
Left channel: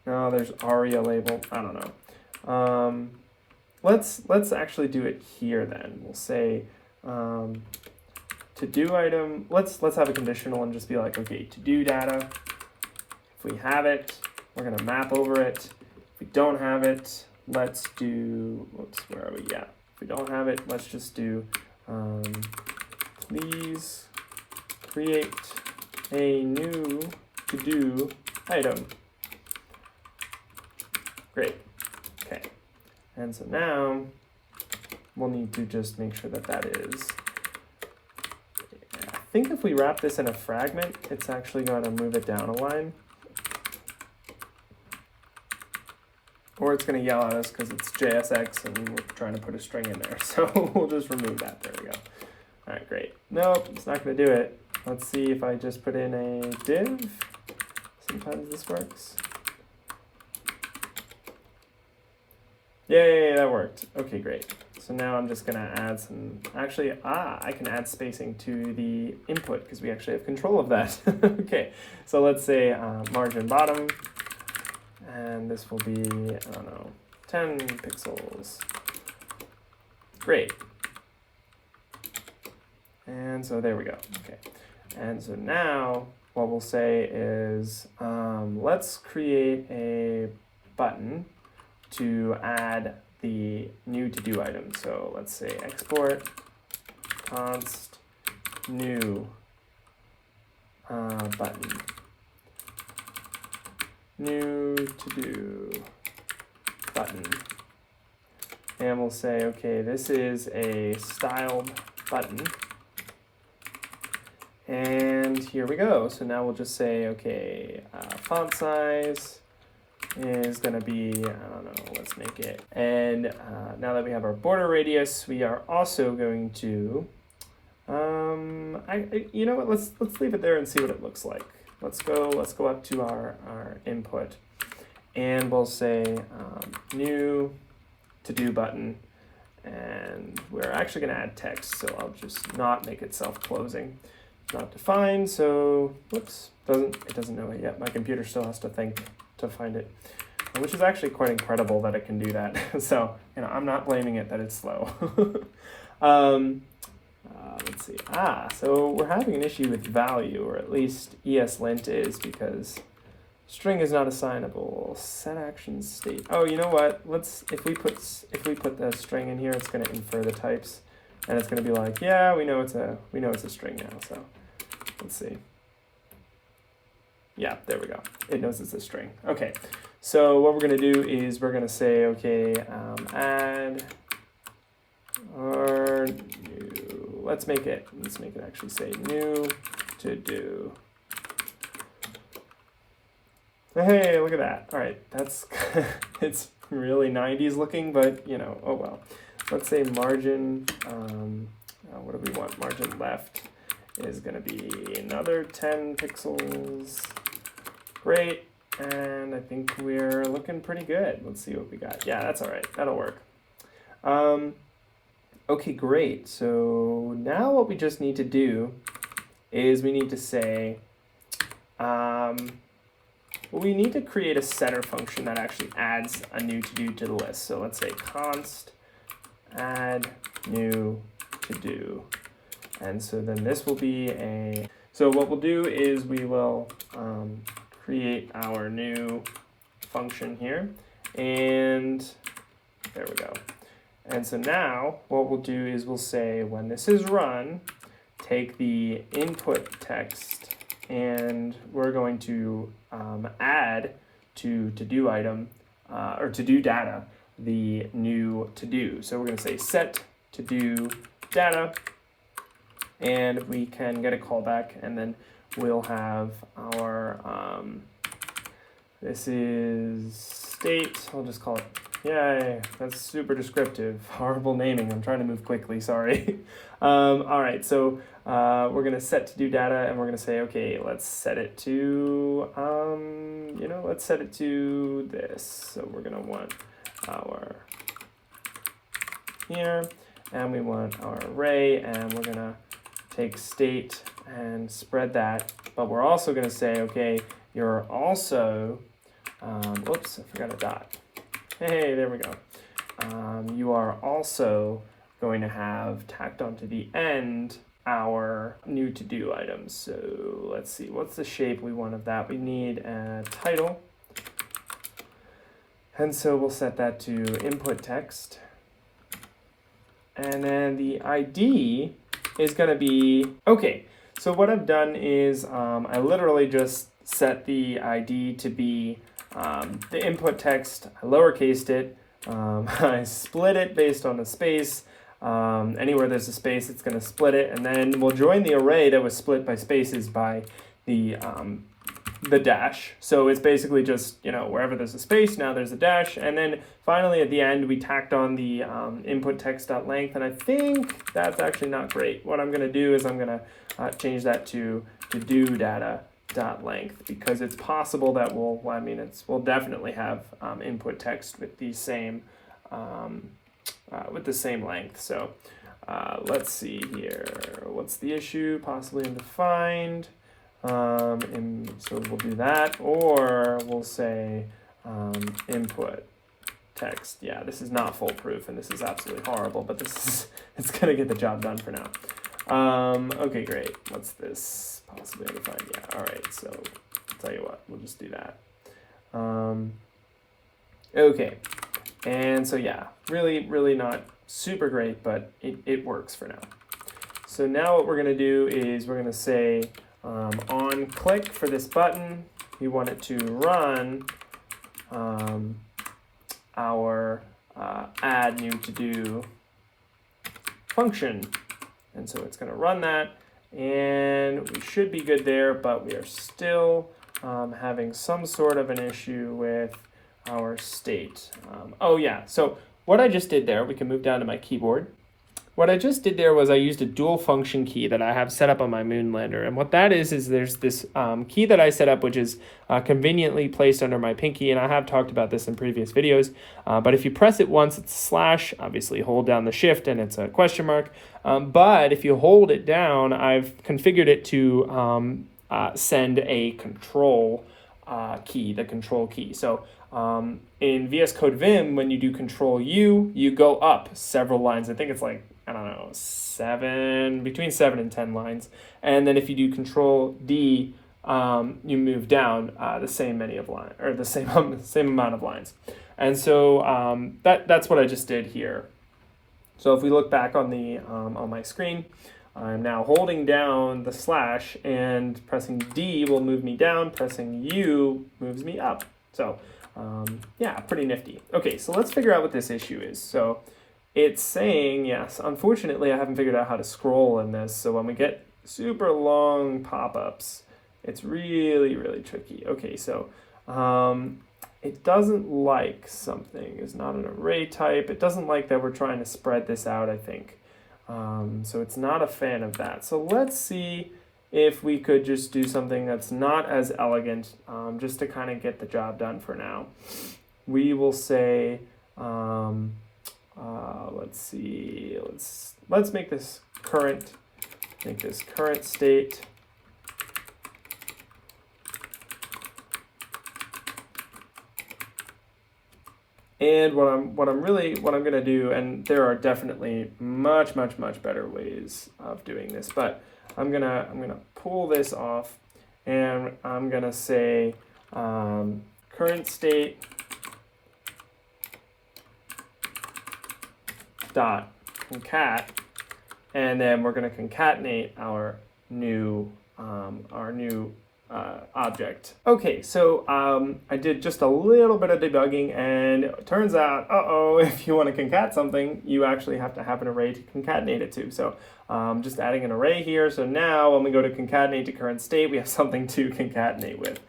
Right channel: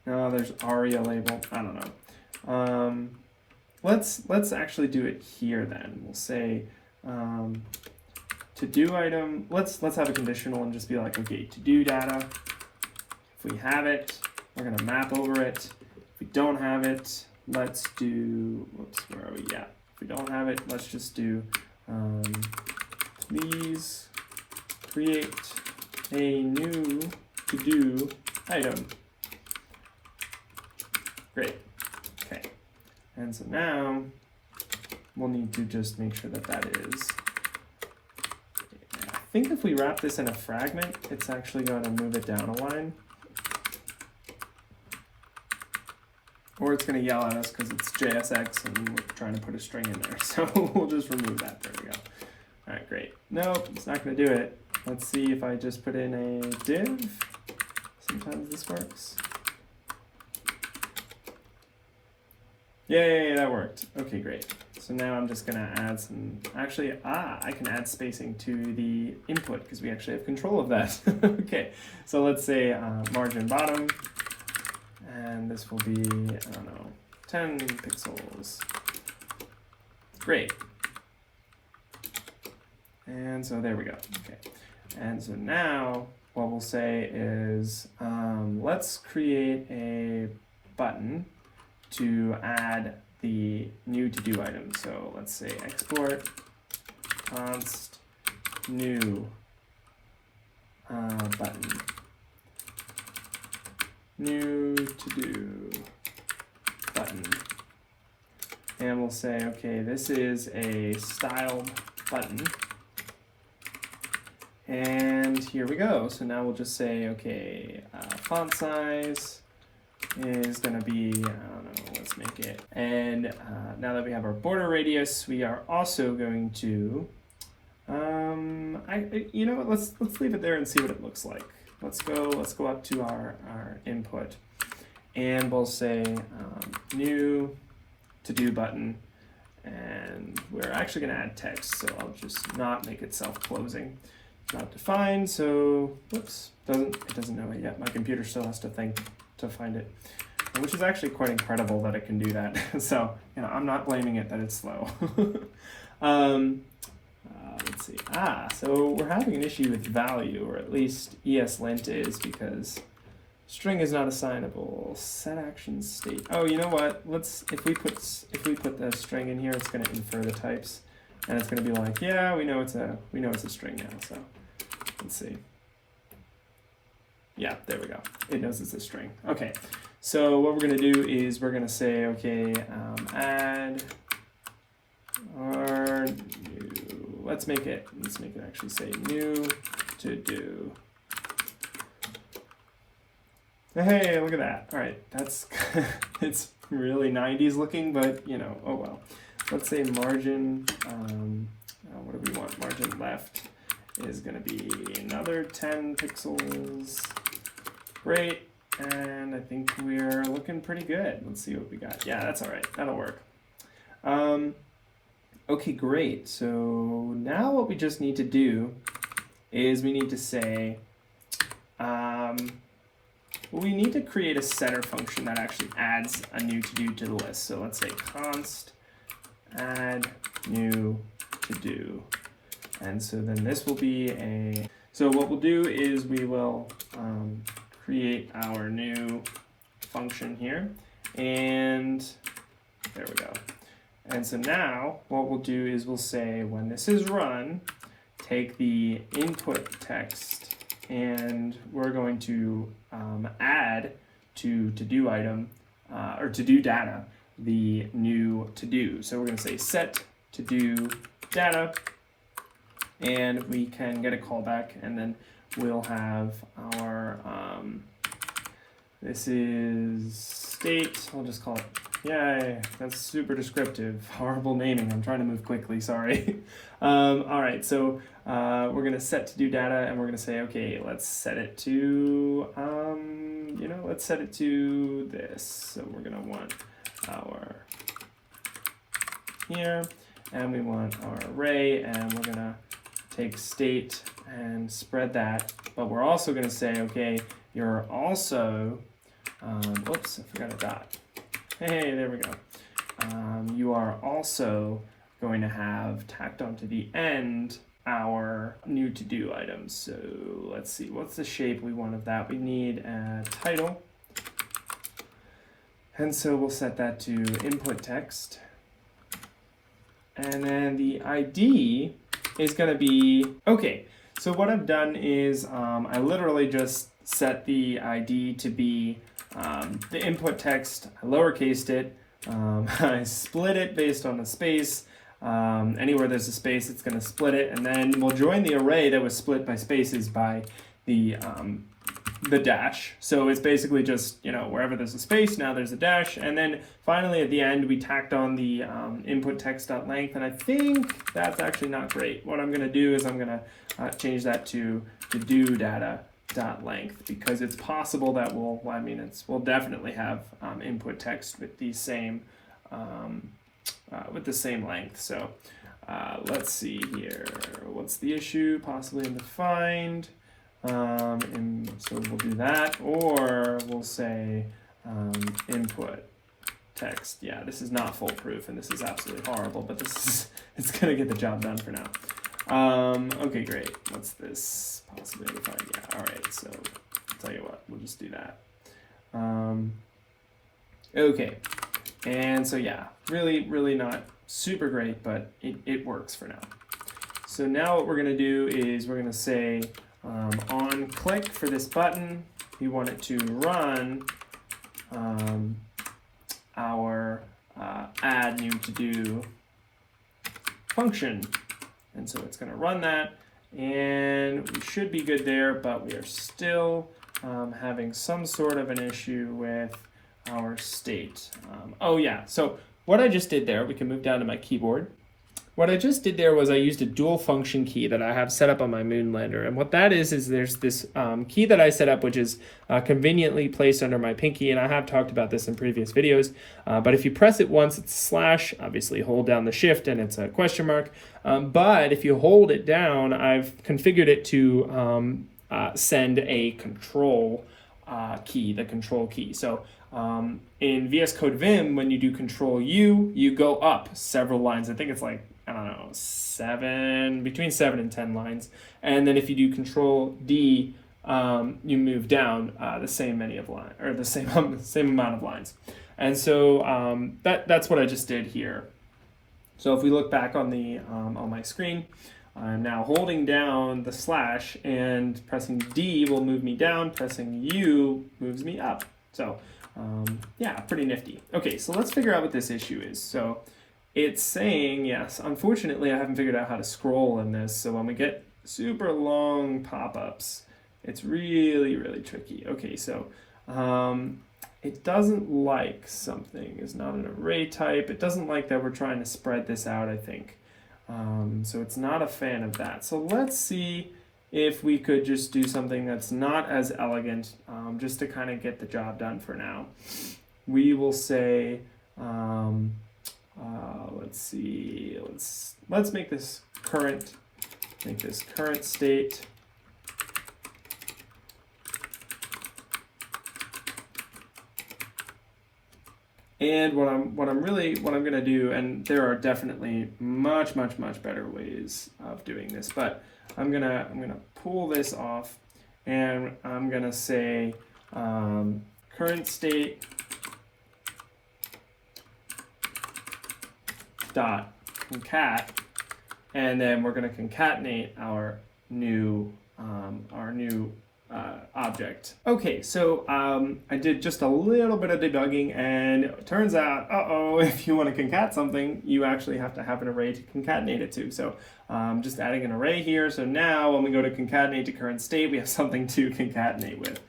no, there's already a label. I don't know. Let's actually do it here then. We'll say to do item. Let's have a conditional and just be like, okay, to do data. If we have it, we're gonna map over it. If we don't have it, let's do. Whoops, where are we? Yeah. If we don't have it, let's just do. Please create a new to do item. Great. Okay. And so now we'll need to just make sure that that is. I think if we wrap this in a fragment, it's actually going to move it down a line. Or it's going to yell at us because it's JSX and we're trying to put a string in there. So we'll just remove that. There we go. All right, great. Nope, it's not going to do it. Let's see if I just put in a div. Sometimes this works. Yay, that worked. Okay, great. So now I'm just gonna add some, actually, I can add spacing to the input because we actually have control of that. Okay, so let's say margin bottom, and this will be, I don't know, 10 pixels. Great. And so there we go, okay. And so now what we'll say is, let's create a button to add the new to-do item. So let's say export const new button, new to-do button. And we'll say, okay, this is a styled button. And here we go. So now we'll just say, okay, font size is going to be, I don't know, let's make it. And now that we have our border radius, we are also going to, you know what, let's leave it there and see what it looks like. Let's go up to our input, and we'll say new to-do button, and we're actually going to add text, so I'll just not make it self-closing. Not defined, so whoops, it doesn't know it yet. My computer still has to think to find it, which is actually quite incredible that it can do that. So, you know, I'm not blaming it that it's slow. Let's see. So we're having an issue with value, or at least ESLint is, because string is not assignable. Set action state. Oh, you know what? If we put the string in here, it's going to infer the types, and it's going to be like, yeah, we know it's a string now. So let's see. Yeah, there we go. It knows it's a string. Okay. So what we're going to do is we're going to say, okay, add or new. Let's make it actually say new to do. Hey, look at that. All right, that's it's really 90s looking, but you know, oh well. Let's say margin, what do we want? Margin left is going to be another 10 pixels. Great, and I think we're looking pretty good. Let's see what we got. Yeah, that's all right. That'll work. Okay, great. So now what we just need to do is we need to say, we need to create a setter function that actually adds a new to-do to the list. So let's say const add new to-do. And so then this will be so what we'll do is we will create our new function here, and there we go. And so now what we'll do is we'll say when this is run, take the input text, and we're going to add to to-do item, or to-do data, the new to-do. So we're going to say set to-do data, and we can get a callback, and then we'll have our, this is state, we'll just call it, yay, that's super descriptive, horrible naming, I'm trying to move quickly, sorry. All right, so we're going to set to do data, and we're going to say, okay, let's set it to, let's set it to this. So we're going to want our here, and we want our array, and we're going to take state and spread that, but we're also going to say, okay, you're also, whoops, I forgot a dot. Hey, there we go. You are also going to have tacked onto the end our new to-do items. So let's see, what's the shape we want of that? We need a title. And so we'll set that to input text. And then the ID is going to be, okay, so what I've done is I literally just set the ID to be the input text, I lowercased it, I split it based on the space. Anywhere there's a space, it's going to split it, and then we'll join the array that was split by spaces by the dash. So it's basically just, wherever there's a space, now there's a dash, and then finally at the end we tacked on the input text.length, and I think that's actually not great. What I'm going to do is I'm going to change that to do data.length, because it's possible that we'll definitely have input text with the same length. So let's see here. What's the issue? Possibly undefined. And so we'll do that, or we'll say input text. Yeah, this is not foolproof, and this is absolutely horrible, but it's gonna get the job done for now. Okay, great. What's this? Possibly undefined. Yeah. All right. So I'll tell you what. We'll just do that. Okay. And so yeah, really not super great, but it works for now. So now what we're going to do is we're going to say on click for this button, we want it to run our add new to do function. And so it's going to run that, and we should be good there, but we are still having some sort of an issue with our state. Oh yeah, so what I just did there, we can move down to my keyboard. What I just did there was I used a dual function key that I have set up on my Moonlander. And what that is there's this key that I set up, which is conveniently placed under my pinky. And I have talked about this in previous videos. But if you press it once, it's slash, obviously hold down the shift and it's a question mark. But if you hold it down, I've configured it to send a control key, the control key. So in VS Code Vim, when you do Control U, you go up several lines. I think it's like, I don't know, between 7 and 10 lines. And then if you do Control D, you move down the same many of lines, or the same amount of lines. And so that's what I just did here. So if we look back on the on my screen, I'm now holding down the slash, and pressing D will move me down. Pressing U moves me up. So yeah, pretty nifty. Okay, so let's figure out what this issue is. So it's saying, yes, unfortunately I haven't figured out how to scroll in this, so when we get super long pop-ups, it's really tricky. Okay, so it doesn't like something. It's not an array type. It doesn't like that we're trying to spread this out, I think. So it's not a fan of that. So let's see if we could just do something that's not as elegant, just to kind of get the job done for now. We will say, let's see, let's make this current state. And what I'm going to do, and there are definitely much better ways of doing this, but I'm gonna pull this off, and I'm gonna say current state dot concat, and then we're gonna concatenate our new object. Okay, so I did just a little bit of debugging, and it turns out, if you want to concat something, you actually have to have an array to concatenate it to. So just adding an array here. So now when we go to concatenate to current state, we have something to concatenate with.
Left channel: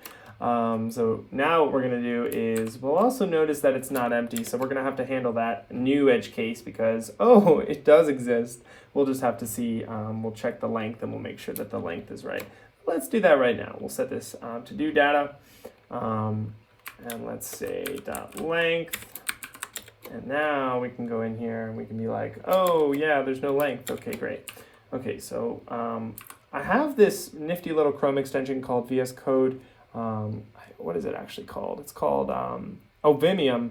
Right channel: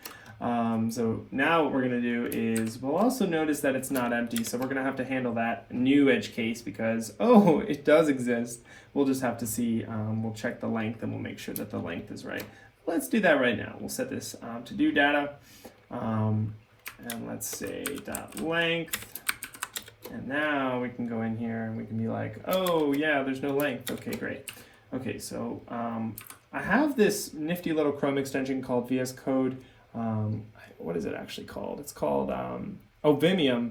So now what we're going to do is we'll also notice that it's not empty. So we're going to have to handle that new edge case because, it does exist. We'll just have to see, we'll check the length and we'll make sure that the length is right. Let's do that right now. We'll set this to do data, and let's say dot length. And now we can go in here and we can be like, oh yeah, there's no length. Okay, great. Okay, so I have this nifty little Chrome extension called VS Code. What is it actually called? It's called Vimium.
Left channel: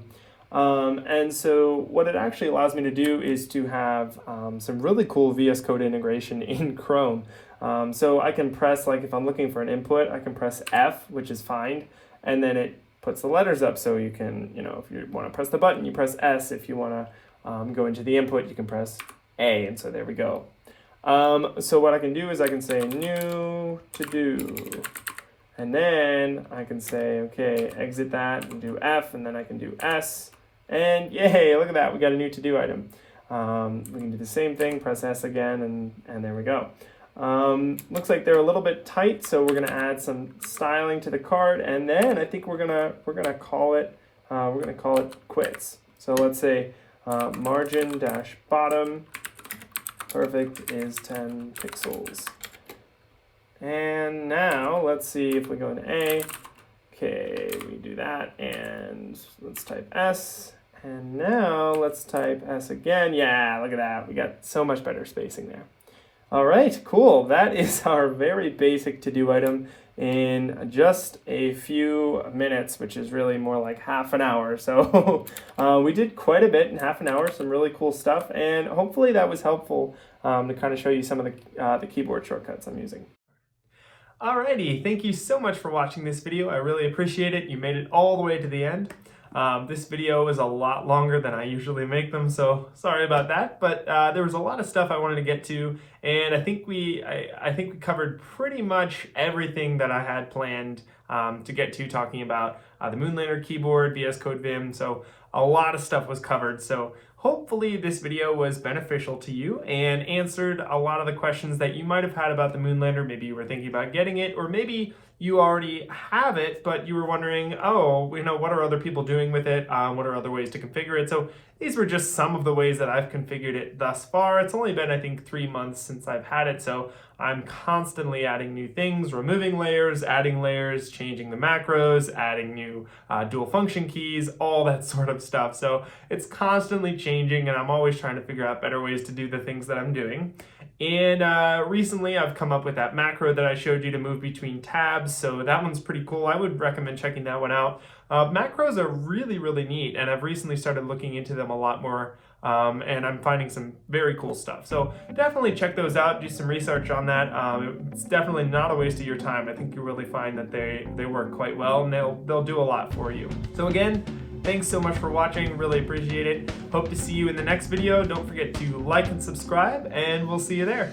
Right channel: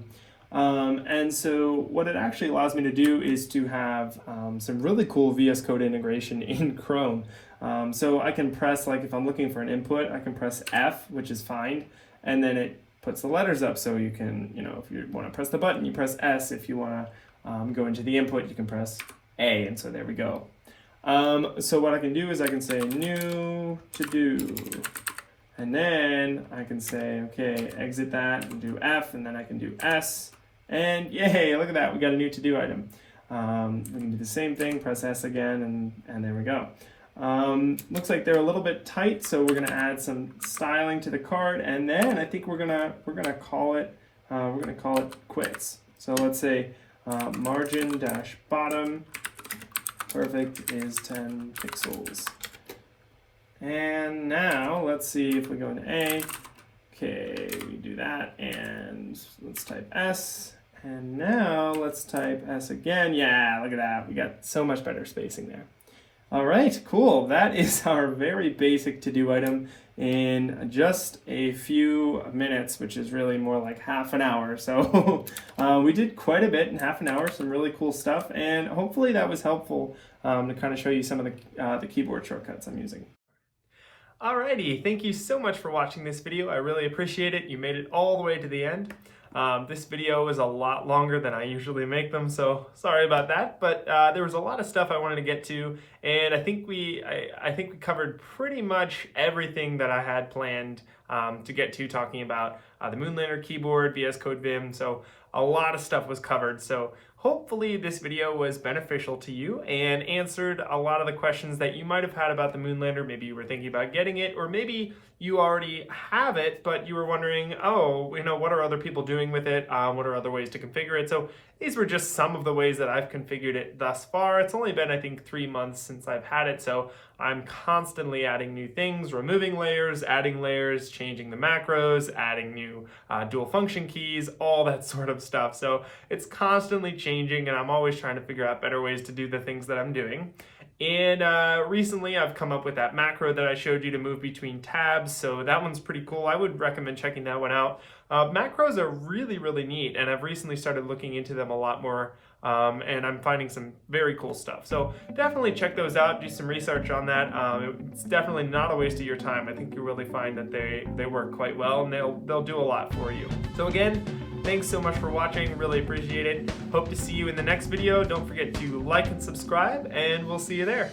And so what it actually allows me to do is to have some really cool VS Code integration in Chrome. So I can press, like if I'm looking for an input, I can press F, which is find, and then it puts the letters up. So you can, if you want to press the button, you press S. If you want to go into the input, you can press A, and so there we go. So what I can do is I can say new to do, and then I can say, okay, exit that and do F, and then I can do S, and yay, look at that, we got a new to do item. We can do the same thing, press S again, and there we go. Looks like they're a little bit tight, so we're gonna add some styling to the card, and then I think we're gonna call it quits. So let's say margin dash bottom perfect is 10 pixels. And now let's see if we go into A. Okay, we do that, and let's type S. And now let's type S again. Yeah, look at that. We got so much better spacing there. All right, cool. That is our very basic to-do item in just a few minutes, which is really more like half an hour. So we did quite a bit in half an hour, some really cool stuff, and hopefully that was helpful to kind of show you some of the keyboard shortcuts I'm using. Alrighty, thank you so much for watching this video. I really appreciate it. You made it all the way to the end. This video is a lot longer than I usually make them, so sorry about that. But there was a lot of stuff I wanted to get to, and I think we covered pretty much everything that I had planned to get to, talking about the Moonlander keyboard, VS Code Vim. So a lot of stuff was covered. So hopefully this video was beneficial to you and answered a lot of the questions that you might have had about the Moonlander. Maybe you were thinking about getting it, or maybe you already have it, but you were wondering, oh, what are other people doing with it? What are other ways to configure it? So these were just some of the ways that I've configured it thus far. It's only been, I think, 3 months since I've had it, so I'm constantly adding new things, removing layers, adding layers, changing the macros, adding new dual function keys, all that sort of stuff. So it's constantly changing, and I'm always trying to figure out better ways to do the things that I'm doing. And recently I've come up with that macro that I showed you to move between tabs, so that one's pretty cool. I would recommend checking that one out. Macros are really, really neat, and I've recently started looking into them a lot more, and I'm finding some very cool stuff. So definitely check those out, do some research on that. It's definitely not a waste of your time. I think you'll really find that they work quite well, and they'll do a lot for you. So again, thanks so much for watching, really appreciate it. Hope to see you in the next video. Don't forget to like and subscribe, and we'll see you there.